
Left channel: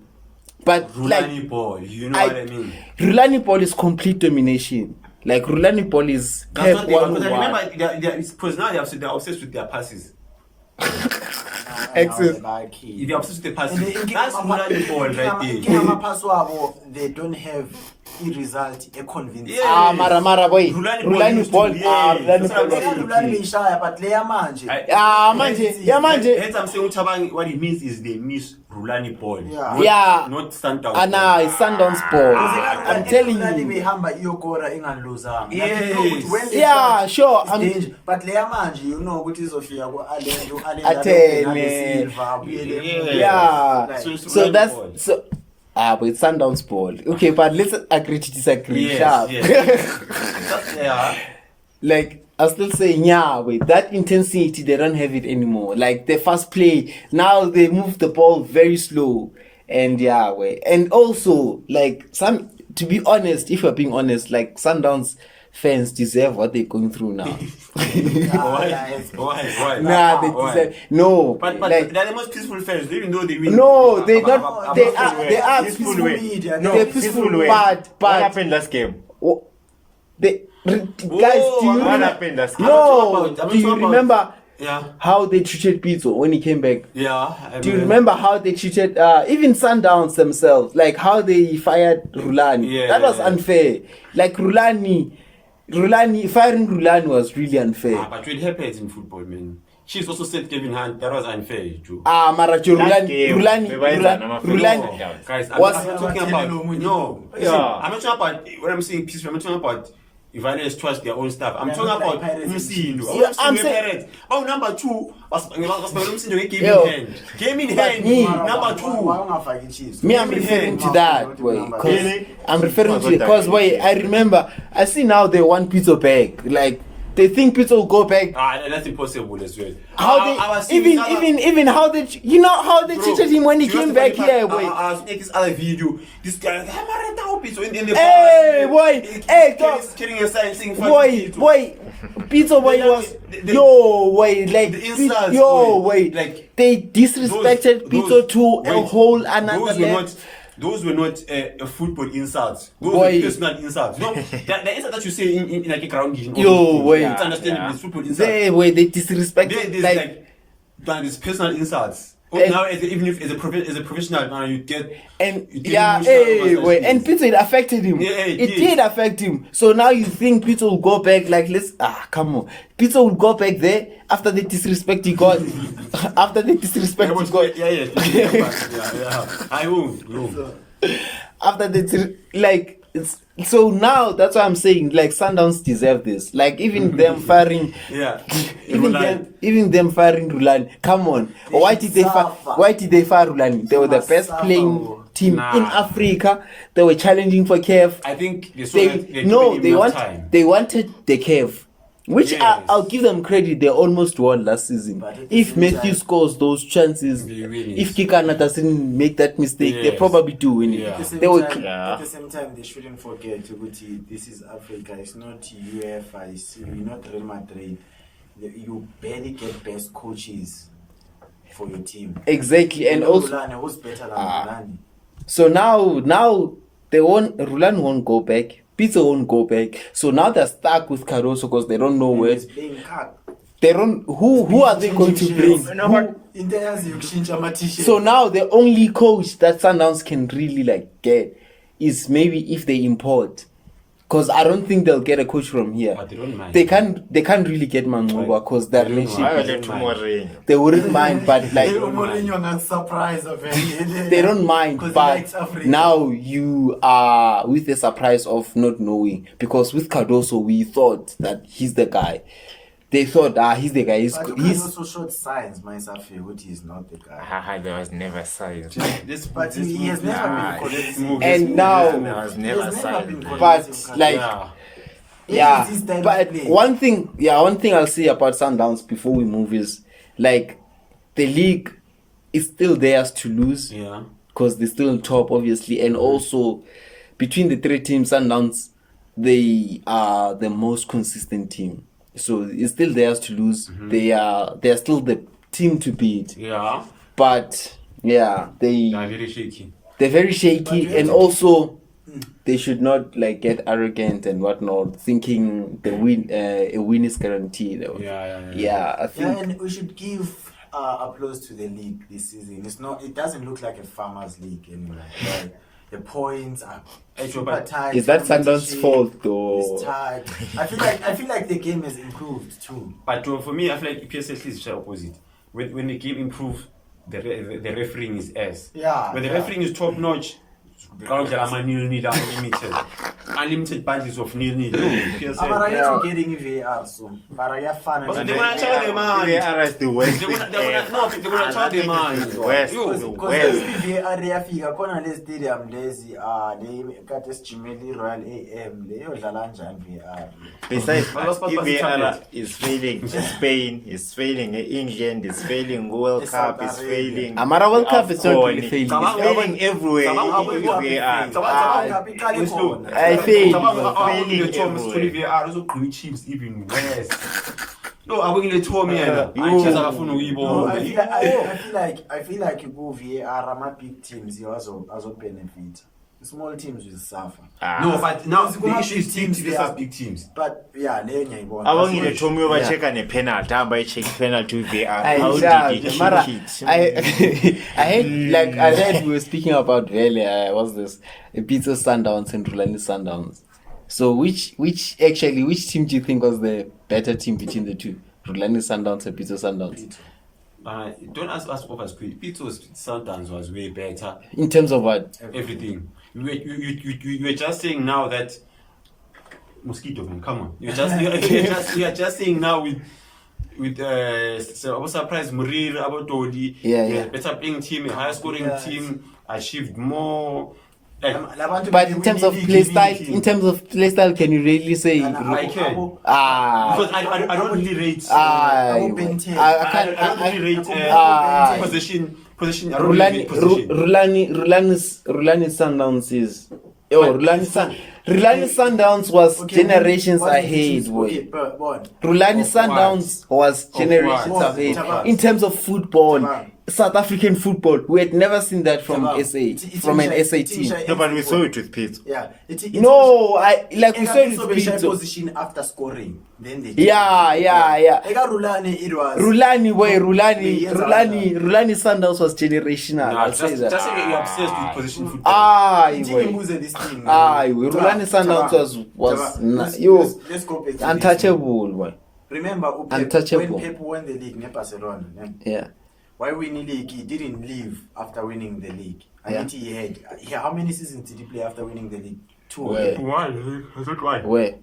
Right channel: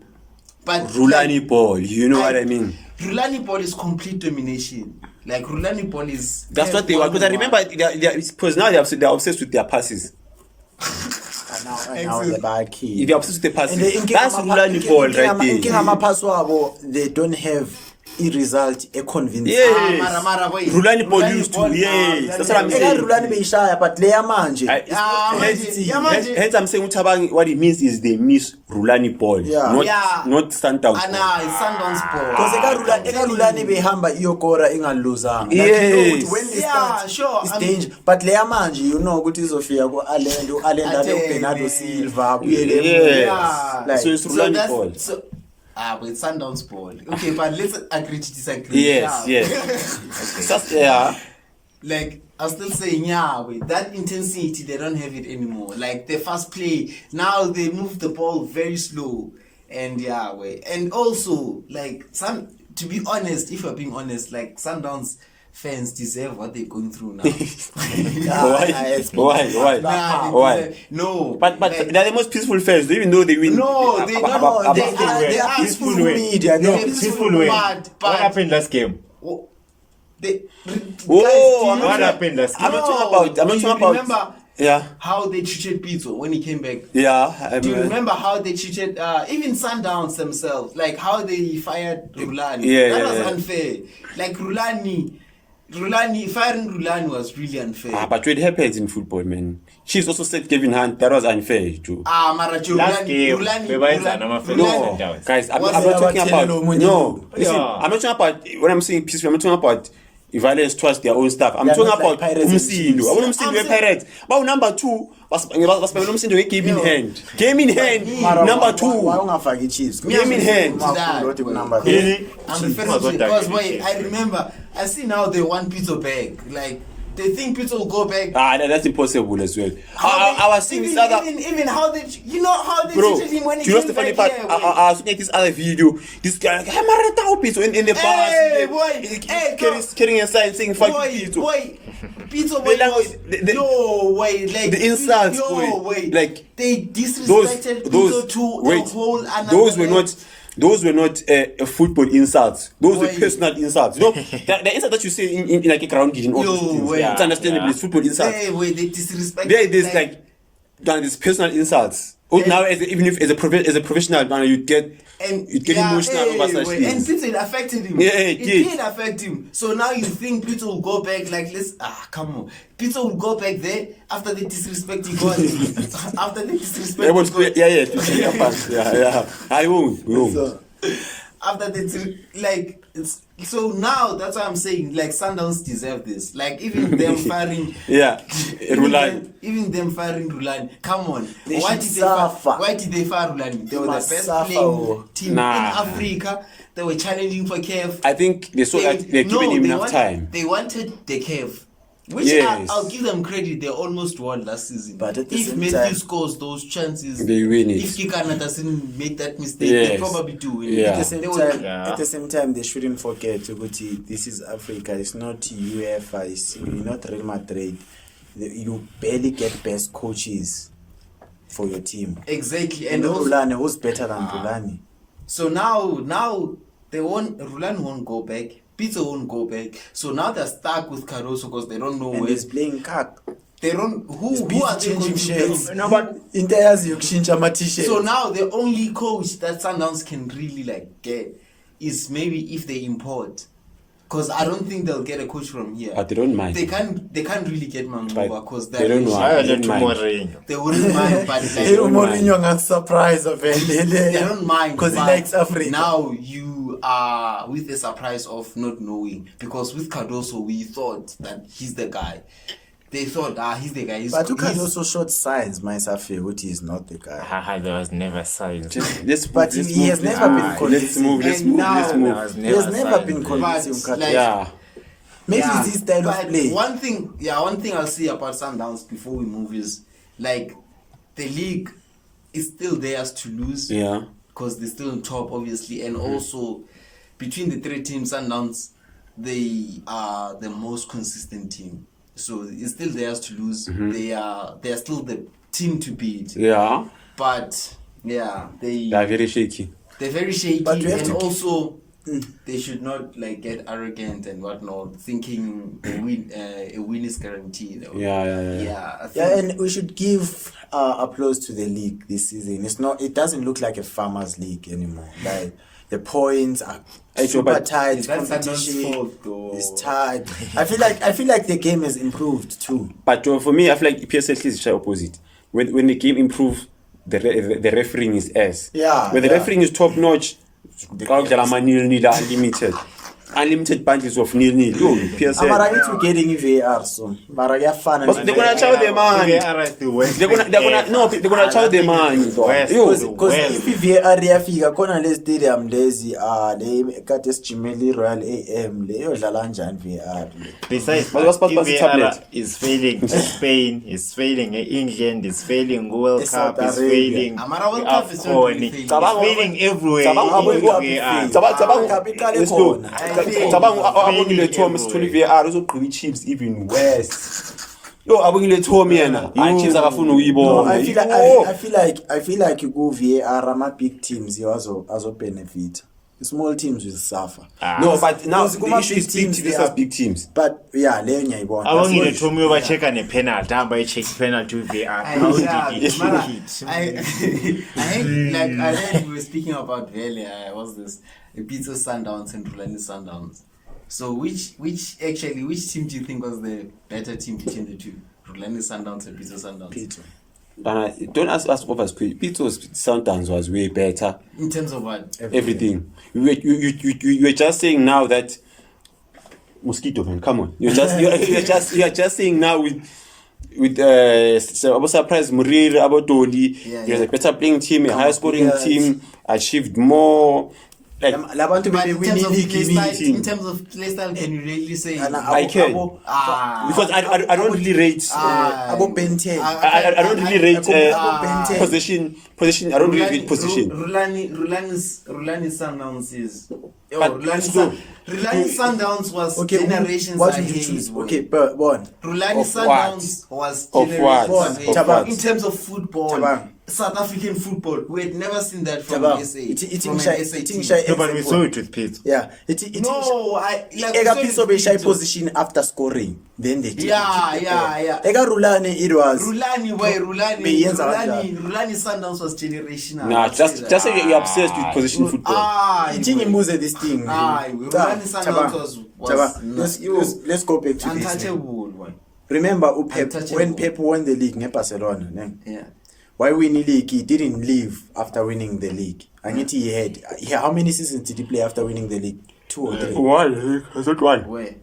But Rulani ball. You know what I mean? Rulani ball is complete domination. Like Rulani ball is. That's what they want. Because I 1-1. remember, because now they're obsessed with their passes. Excellent. If you're obsessed with the And passing, that's Rulani ball right inking there. amaphasi wabo, they don't have i-result e-convincing. Yes. Mara boy. Rulani ball used to, yes. That's what I'm Eka saying. Rulani beyishaya, but le yamanje. Hence I'm saying Utabangi, what it means is they miss Rulani ball, not Sundowns. Nah, it's Sundowns ball. Because I'm eka telling Rulani you. behamba iyokora ingaluzanga. Yes. When they Yeah, start, sure, it's I'm- danger. But le yamanje, you know ukuthi izofika ku-Allen Atene. Bernardo Silva, Yes. Yeah. Like, So it's So Rulani that's ball. so. But it's Sundowns ball. Okay, but let's agree to disagree. Yes, Sharp. yes. Just, yeah. Like I'm still saying, yeah, wait, that intensity they don't have it anymore. Like the fast play, now they move the ball very slow, and yeah, wait, and also like to be honest, if you're being honest, like Sundowns fans deserve what they're going through now. Why? Nah, they Why? deserve no. But like, they're the most peaceful fans, even though they win. no, they No, don't. they They are are peaceful way. media. No, They're peaceful way. but What happened last game? Oh, guys, do you what remember- happened last game? I'm not talking No, about- I'm not do you talking about- remember Yeah. how they treated Pizzo when he came back? Yeah. Do you remember how they treated even Sundowns themselves? Like how they fired Rulani. Yeah, that was yeah. unfair. Like Rulani, firing Rulani was really unfair. But what happens in football, man? She's also said Kevin Hunt, that was unfair too. Marajo, Last game, bebayenza Rulani, Sundowns. Guys, I'm Was not it talking about no. Yeah. I'm not talking about when I'm saying peaceful. I'm not talking about violence towards their own stuff. I'm They're talking not like about Pirates and Umsindo. Chiefs. I'm Yeah, not saying I'm we're saying- Pirates. But number two, was Umsindo game Yo. in hand. Game in hand. Number Why two. ungafaki Chiefs? Me, I'm Game in referring hand. to that. What Wait, number? 'cause Really? I'm referring Chiefs to was because not wait, that I remember. I see now they want Pizzo back. Like they think Pizzo will go back. That's impossible as well. How I was seeing even, this other- even how they how they Bro, treated him when he do you know came the funny back part? here. Wait. I was looking at this other video. This guy, like, I'm a Pizzo in the Hey, bus. boy. Hey, carrying a sign saying fuck Boy, Pizzo. Pizzo boy The was the- yo wait like the insults, yo boy. wait Like, they disrespected Pizzo to a wait, whole another level. Those were not football insults. Those Boy. were personal insults. No, the insult that you say in like a ground in all Yo, those things, wait. it's understandable. Yeah. It's football insults. They disrespected There's like these personal insults. And- Now, even if as a professional, now you get and you get yeah, emotional over such wait, and things. Pizzo it affected him. Yeah, it did. did affect him. So now you think Pizzo will go back like come on. Pizzo will go back there after the disrespect he got. After the disrespect he got. Yeah. I won't. After the so now that's why I'm saying like Sundowns deserve this. Like even them firing Yeah. even them firing Rulani. Come on. They Why should did they fire suffer. Rulani? They were the must best suffer. playing team Nah. in Africa. They were challenging for CAF. I think they saw that they're giving him enough time. They wanted the CAF. Which Yes. I'll give them credit, they almost won last season. But at the if same Matthew time- scores those chances, They win it. if Kikana doesn't make that mistake, they Yes. probably do win it. Yeah. At the same They would- time, Yeah. at the same time, they shouldn't forget ukuthi this is Africa. It's not UEFA. It's not Real Madrid. You barely get best coaches for your team. Exactly. And You know also Rulani, who's better than Rulani? so now they won't Rulani won't go back. Pizzo won't go back. So now they're stuck with Caruso because they don't know And where he's playing cock. they don't who are they going to bring? No, but Into yazi yokushintsha ama-t-shirt. So now the only coach that Sundowns can really like get is maybe if they import. Because I don't think they'll get a coach from here. But they don't mind. They can't really get Manguba because They don't relationship- I mind. let Mourinho. They wouldn't mind, but like Hey, Mourinho ngan surprise of they don't mind because he but likes Africa. now you are with the surprise of not knowing because with Cardoso we thought that he's the guy. They thought he's the guy. But you can also show signs, my Safi, which he is not the guy. There was never signs. But he has never been convincing. And now- There was He never has never been signs. convincing. But, like, Yeah. Maybe it's his style but of play. one thing I'll say about Sundowns before we move is like the league is still theirs to lose. Yeah. Because they're still on top, obviously, and also between the three teams, Sundowns, they are the most consistent team. So it's still theirs to lose. They are still the team to beat. Yeah. But yeah, They're very shaky. they're very But shaky, you have and to- also they should not like get arrogant and whatnot, thinking a win is guaranteed. Yeah. Yeah, I think. Yeah, and we should give applause to the league this season. It doesn't look like a farmers' league anymore. Like the points are super tight. Is that Sundowns' competition fault or? is tight. I feel like the game has improved too. But for me, I feel like PSL is the opposite. When the game improves, the refereeing is ass. Yeah, When the yeah. refereeing is top notch, unlimited bundles of nil-nil. PSL. But I need to getting VAR soon. But I have fun. But they're gonna chow them, man. VAR is the worst. They're gonna chow them, man. Because Well- if VAR yafika khona le stadium lezi le kade sijimeli Royal AM le yodlala kanjani VAR. Besides, But what's that, the VAR tablet? is failing Spain, is failing England, is failing World It's Cup, South is Arabia. failing Amara World Cup is not really failing. It's failing everywhere. Chiefs even worse. Yo, abongile Tommy yena. Chiefs akafuna No, uyibona. I feel like you go VAR ama big teams you also benefit. The small teams will suffer. No, but now Because the issue is big teams versus VAR. big teams. But yeah, leyo ngiyayibona. Abongile That's Tommy what- ubacheka ne-penalty hamba i-check penalty VAR. I, How yeah, did it Mara, hit? I heard, like I heard we were speaking about earlier. What's this? Pizza Sundowns and Rulani Sundowns. So which team do you think was the better team between the two? Rulani Sundowns and Pizza Sundowns. Don't ask us over quick. Pito's Sundowns was way better. In terms of what? Everything. You were just saying now that mosquito man, come on. You're just saying now with so I was surprised Murir Abotoli. Yeah, You're yeah. a better playing team, a higher scoring team, achieved more. Like, Labantu But bali in terms of winning play league, style, team. in terms of play style, can you really say? I can. Because I don't really rate Abo Ben 10. I don't really rate position. I don't really rate position. Rulani Sundowns is. Rulani Sundowns was generations what did you ahead. choose? boy. Okay, but one. Rulani Of Sundowns was Of generations what? ahead. Tabang. In terms of football, Tabang. South African football, we had never seen that from SA, from an SA team. No, but we saw it with Pete. Yeah. No, I like we Eka said Pitso it's beshay Pitso. position after scoring. Then they Yeah. Eka Rulani it was. Rulani Beyenza kanjani? Sundowns was generational. Nah, I'd say just that. say you're obsessed with position football. Itingi mbuze this thing. Rulani Sundowns was let's go back to this. untouchable. Boy. Remember Untouchable. when Pep won the league ne Barcelona, ne? Yeah. Why win the league? He didn't leave after winning the league. And yet how many seasons did he play after winning the league? 2 or 3. Why? Is it why? Where?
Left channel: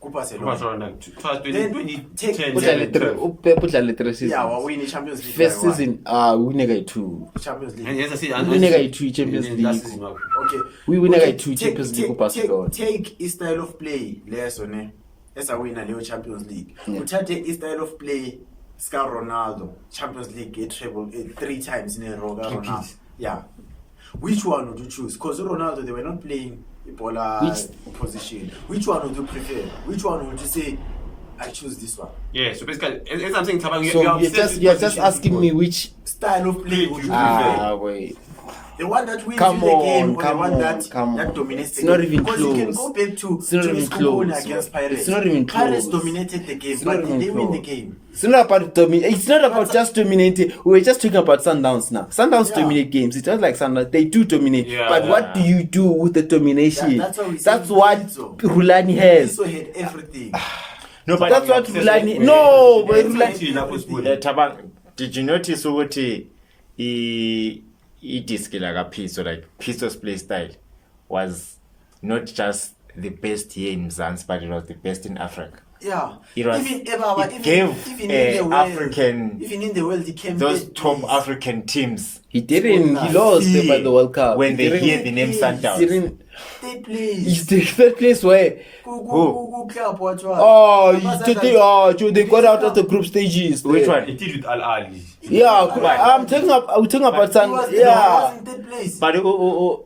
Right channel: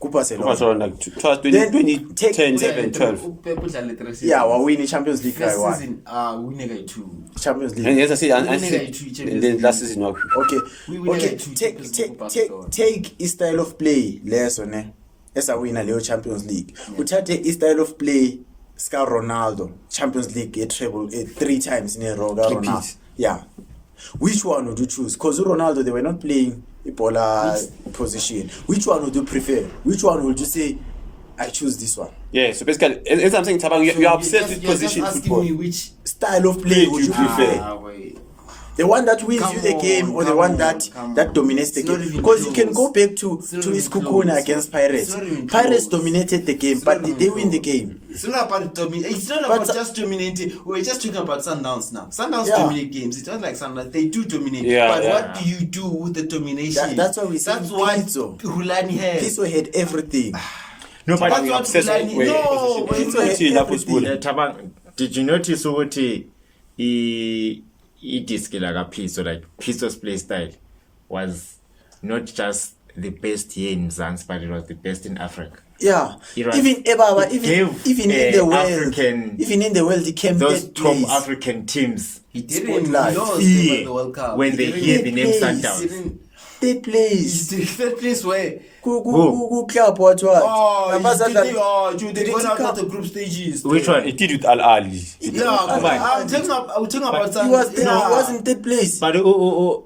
Barcelona. Like 2010, Then 11, 12. Yeah, we win the Champions League. First guy, season, we never 2. Champions League. And as I said, We never 2 Champions then League. last season. Okay. We win like 2 Champions League take, Barcelona. take his style of play less on as a winner Leo Champions League. Yeah. Uthathe his style of play Scar Ronaldo Champions League a treble 3 times in a row. Ronaldo. Yeah. Which one would you choose? Because Ronaldo they were not playing Ebola position. Which one would you prefer? Which one would you say I choose this one? Yeah, so basically, as I'm saying, Tabang, So you're obsessed with you're just position asking football. me which Style of play would you prefer? wait. The one that wins Come you the game, or the on, one come that on. dominates the It's not game? even Because you can close. go back to It's not even his close. Kupuna against Pirates. It's not even Pirates close. dominated the game, It's but not did even they win the close. game? It's not about dominate. It's not about But- just dominating. We were just talking about Sundowns now. Sundowns Yeah. dominate games. It's not like Sundowns. They do dominate. Yeah, but yeah. what do you do with the domination? That's what we say That's with what Pizzo. Rulani has. Pizzo had everything. No, but That's what obsessed Rulani. with- No, but Pizzo it's like had Like- everything. Tabang, did you notice ukuthi i-disc Pizzo, like Pizzo's play style was not just the best here in Mzansi, but it was the best in Africa. Yeah. It was- Even Ebaba, it even gave, in the world, African- even in the world, he came Those third top place. African teams, he didn't. He Spotlight. lost Yeah. at the World Cup. when He they didn't- hear the name Yes, he Sundowns. didn't. Third He's place. the third place where. Club what? They got out of the group stages. Which one? It did with Al Ali. Yeah, Come on. I'm talking about He some. was, he wasn't third place. But Laba-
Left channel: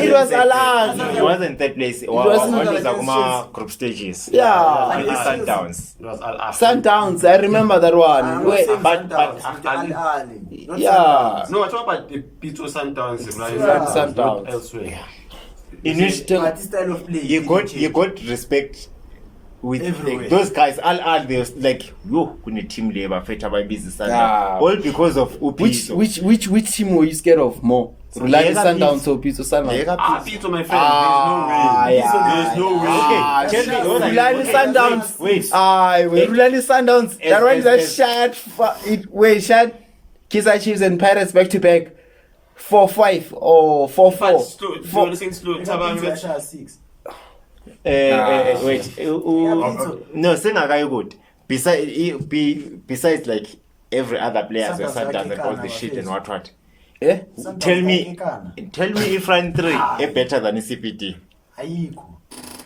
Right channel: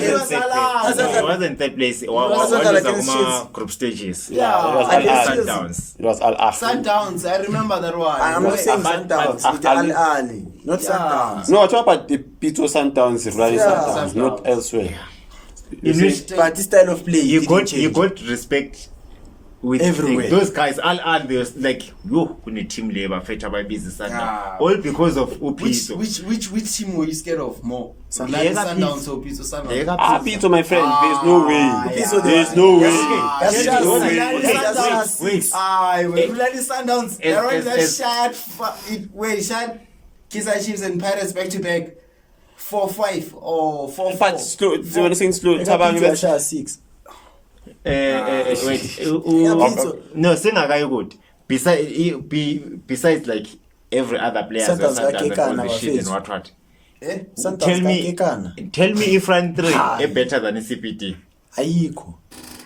He it was allowed. wasn't third place. What wasn't was against Akuma group stages? Yeah. It was And against it's- Sundowns. It was Al Ahly. Sundowns, I remember that one. I'm not Where- saying but- Sundowns, but it's Ali- Al Ali, not Yeah. Sundowns. No, I talk about the Pito Sundowns, Rulani Sundowns, Sundowns. not elsewhere. In which But this style of play, you didn't got change. you got respect with Everywhere. those guys, all they was like, yo, kune team labor, feta by business, Yeah. all because of Which Upito. team were you scared of more? Like Lega Sundowns Pitso. or Pitso Sundowns? Ah, Pito, my friend, there's no way. yeah. There's no way. Okay, tell me, what are you- Rulani okay, Sundowns. wait. Rulani Sundowns. That one that as- shot Kaizer Chiefs and Pirates back to back 4-5 or 4-4. But slow, so you're saying slow, Tabang, let's- 6. Wait, no, singakayi good. Besides like every other player Sundowns and all yakekana the shit and bafethu. what. Eh? Tell me if run 3 a better than CPT Ayikho.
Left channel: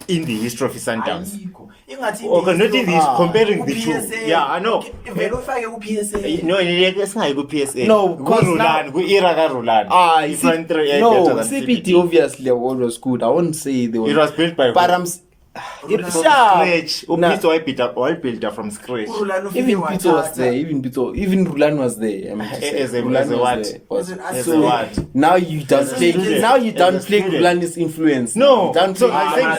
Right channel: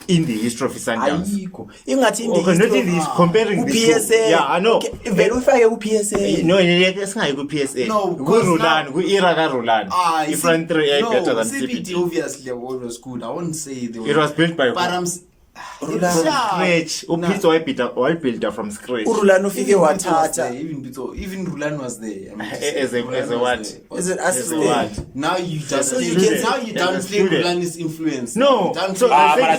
in the history of Sundowns. Ayikho. Ingathi Okay, not in this, comparing the two. PSA. Yeah, I know. Vele ufake ku PSA. No, singayi ku-PSA. No, because Ku-Rulani, ku-era ka-Rulani. If run 3 a better than CPT CPT. obviously was good. I won't say they were. It was built by But who? I'm From scratch. Upito all built from scratch. uRulani ufike even Pitso was there. wathatha. Even Rulani was there. I mean, As a Rulani what? was there. As an As a student. what? Now you As a downplay. student. Now you As a downplay student. Rulani's influence. No, You downplay- so I think I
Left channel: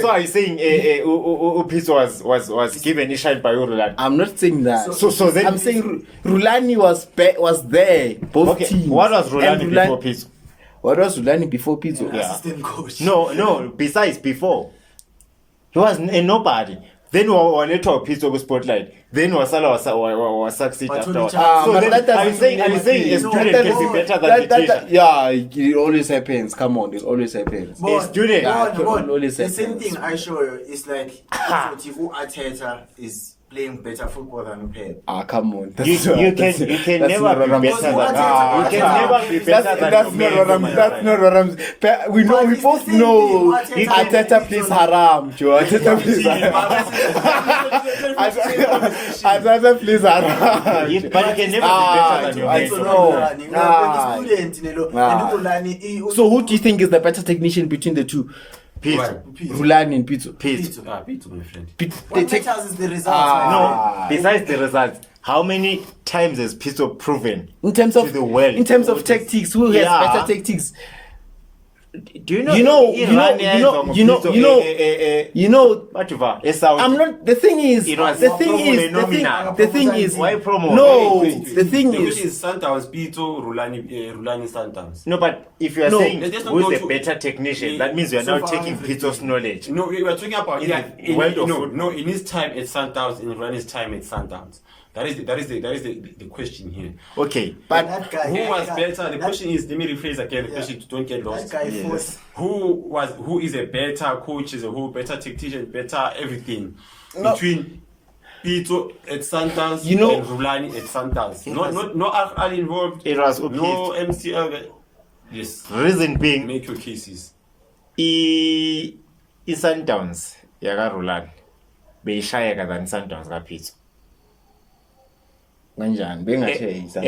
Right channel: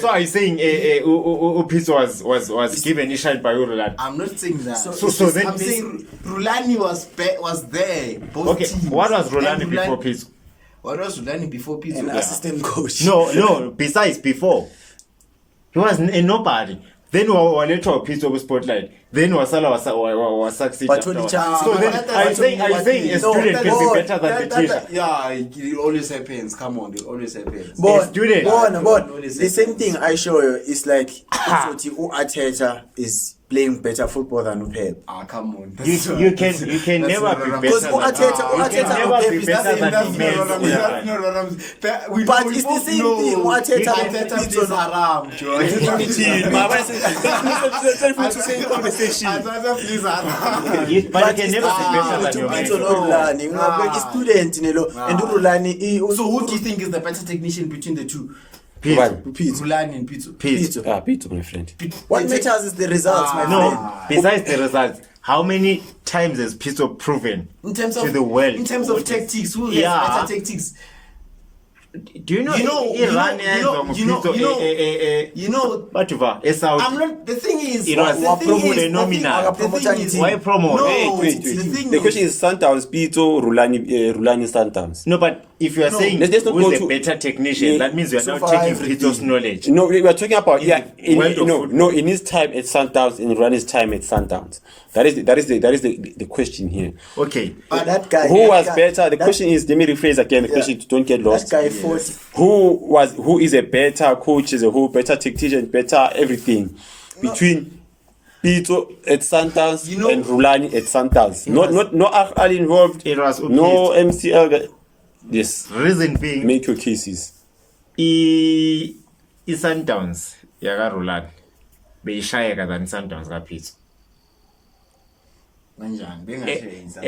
saw you saying Upito was given a shine by Rulani. I'm not saying that. So then I'm saying Rulani was there. Both Okay, teams. what was Rulani And before Pitso? What was Rulani before Pitso? An assistant coach. No. Besides, before he was a nobody. Then waletwa Pitso ku spotlight. Then Wasala was succeed But afterwards. only So then, but are you saying a No, student can be no, better than the teacher? Yeah, it always happens. Come on, it always happens. But, student. but Always the same happens. thing I show you is like Arteta is playing better football than Pep. Come on. You can never be better Because than Arteta- you can Arteta- never be better than That's Gomez, not my That's friend. not what I'm saying. We But we it's both the same know thing. Arteta Arteta and plays Pitso. haram, Joe. Arteta plays Arteta plays haram. But you can never be better than your Pitso mate. no Rulani. Nah. Student, and Rulani. So who do you think is the better technician between the two? Pitso. Rulani and Pitso. Pitso. Pito, my friend. What matters is the results, man. No, besides the results, how many times has Pitso proven In terms of to the world? in terms of tactics, who has Yeah. better tactics? Do you know? Whatever. I'm not. The thing is, It was the thing is, nominal. the thing is, Why promo? No, Wait. the thing The is, question is Sundowns, Pito, Rulani Sundowns. No, but if you are No, saying let's not who's go the to- better technician, Yeah, that means you are so now far taking everything. Pitso's knowledge. No, we are talking about In the world of football. in his time at Sundowns, in Rulani's time at Sundowns. That is the question here. Okay. But that guy. Who was that- better? The that- question is, let me rephrase again. The Yeah. question, don't get That lost. guy fought. Who is a better coach, is a who better tactician, better everything between Pito at Sundowns You know- and Rulani at Sundowns. No Al involved. It was No Upito. MCL. Yes, Reason being, make your cases. i-Sundowns yakarulani beyishayeka than i-Sundowns kaPitso. Kanjani? Bengashiya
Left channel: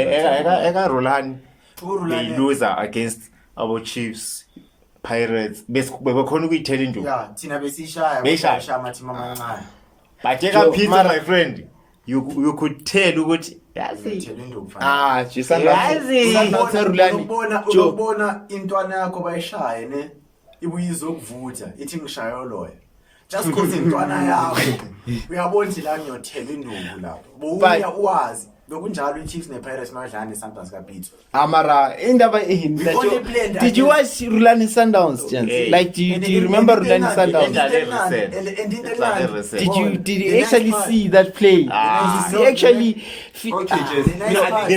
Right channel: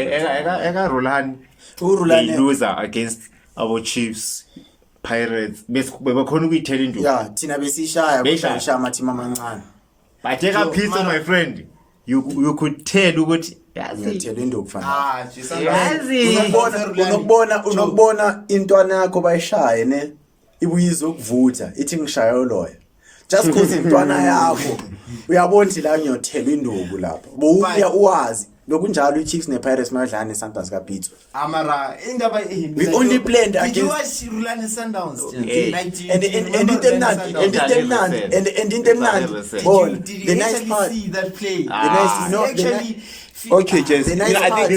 Ekarulani they uRulani. loser against our Chiefs, Pirates. Bebekhona ukuyithela induku. Yeah, thina besishaya Beyishaya. besishaya amateam amancane. But ekaPitso, Mara- my friend, you could tell ukuthi yazi Ngiyethela induku fanele. yazi Unokubona intwana yakho bayishaye ne ibuyizo ukuvutha ithi ngishaya loya. Just cause intwana yakho uyabona ukuthi la ngiyothela induku lapha. Bowuya uwazi lokunjalo iChiefs nePirates madlala neSundowns kaPitso. Amara, indaba We only played Did you against- watch Rulani Sundowns, Jan? Eh. Like, do you remember Rulani Sundowns? Did you actually see that play? Ah. Okay, James. The nice No, I part-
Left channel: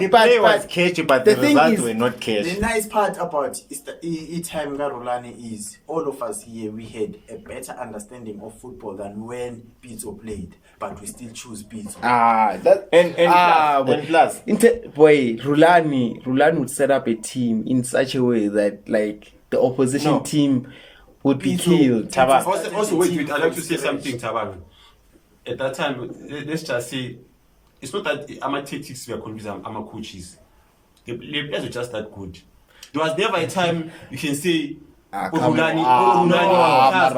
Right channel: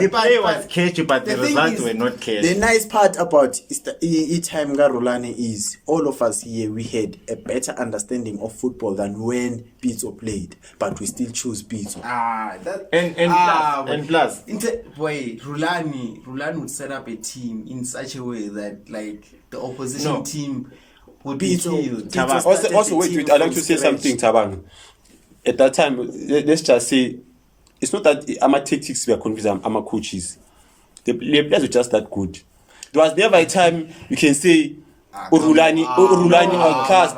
the play was catchy, but the the thing results is- were not The catchy. nice part about time Rulani is all of us here we had a better understanding of football than when Pitso played, but we still choose Pitso. Rulani would set up a team in such a way that like the opposition No. team would be Pitso- killed. Tabang. Also, wait. I'd like to say something, Tabang. At that time, let's just say, it's not that our tactics were confused, our coaches. The players were just that good. There was never a time you can say Urulani cast.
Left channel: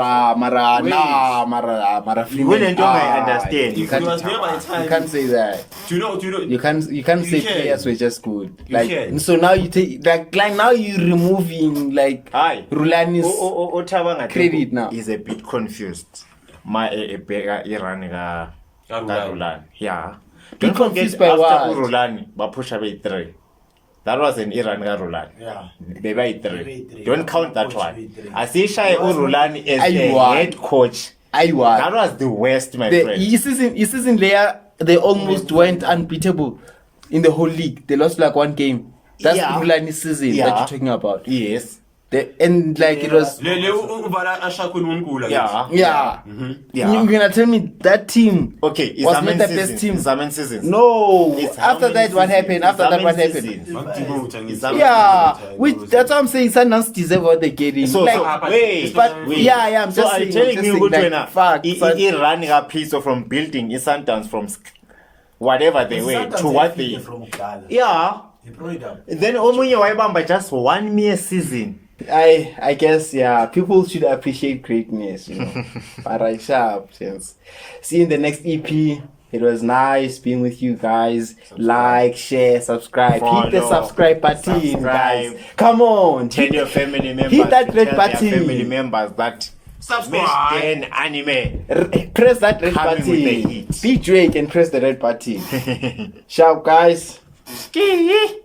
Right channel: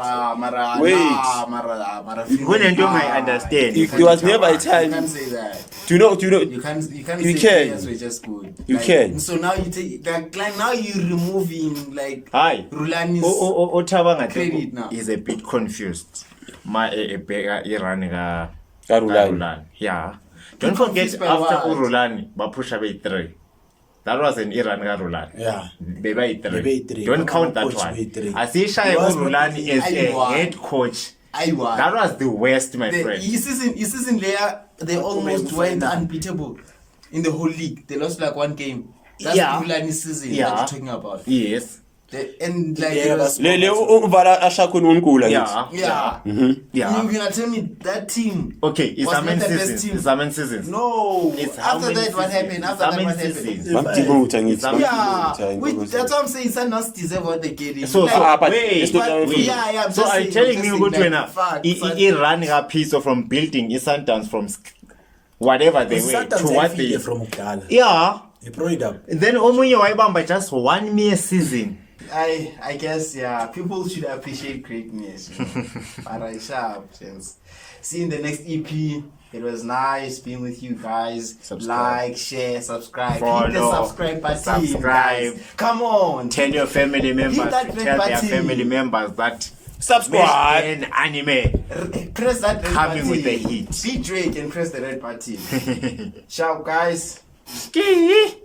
Kunento I understand. There was never a You time. can't say that. Do you know? You can't You say can. players were just good. You can. So now you take like now you're removing like Hi. Rulani's Otabanga credit now. is a bit confused. My Iran Rulani. Rulani. Yeah. Don't forget confused by after what? Rulani, Bapusha by 3. That was an Iran Rulani. Yeah. By 3. By 3. Don't count that Coach one. by 3. Asisha Rulani as a Aywa. head coach. That Aywa. was the worst, my friend. This season they almost went unbeatable in the whole league. They lost like one game. That's Yeah. the Rulani season Yeah. that you're talking about. Yes. And like it was Le uvala ashakho unkula. Yeah. yeah. Yeah. You're gonna tell me that team Okay, it's was a not main the best season. team? It's a main season. No. It's how After many that, what seasons? happened? It's After how that, many what happened? seasons? Yeah, that's what I'm saying. Sundowns deserve what they're getting. So, Like, but wait, but wait. yeah, I'm So just are saying, you telling I'm me just good saying, enough? fact, He running a piece of from building his Sundowns from whatever they were to what they. from Kudala. Yeah. He brought it up. Then Omunye Waibamba just 1 mere season. I guess yeah, people should appreciate greatness. You know? Alright, sharp. Yes. See you in the next EP. It was nice being with you guys. Like, share, subscribe. Hit the Follow. subscribe button. Subscribe. Guys. Come on. Tell your family members. Hit that to red tell their button. family members that Subscribe. Mesh anime. Press that red Coming button. with the heat. Be Drake and press the red button. Sharp guys. Ski.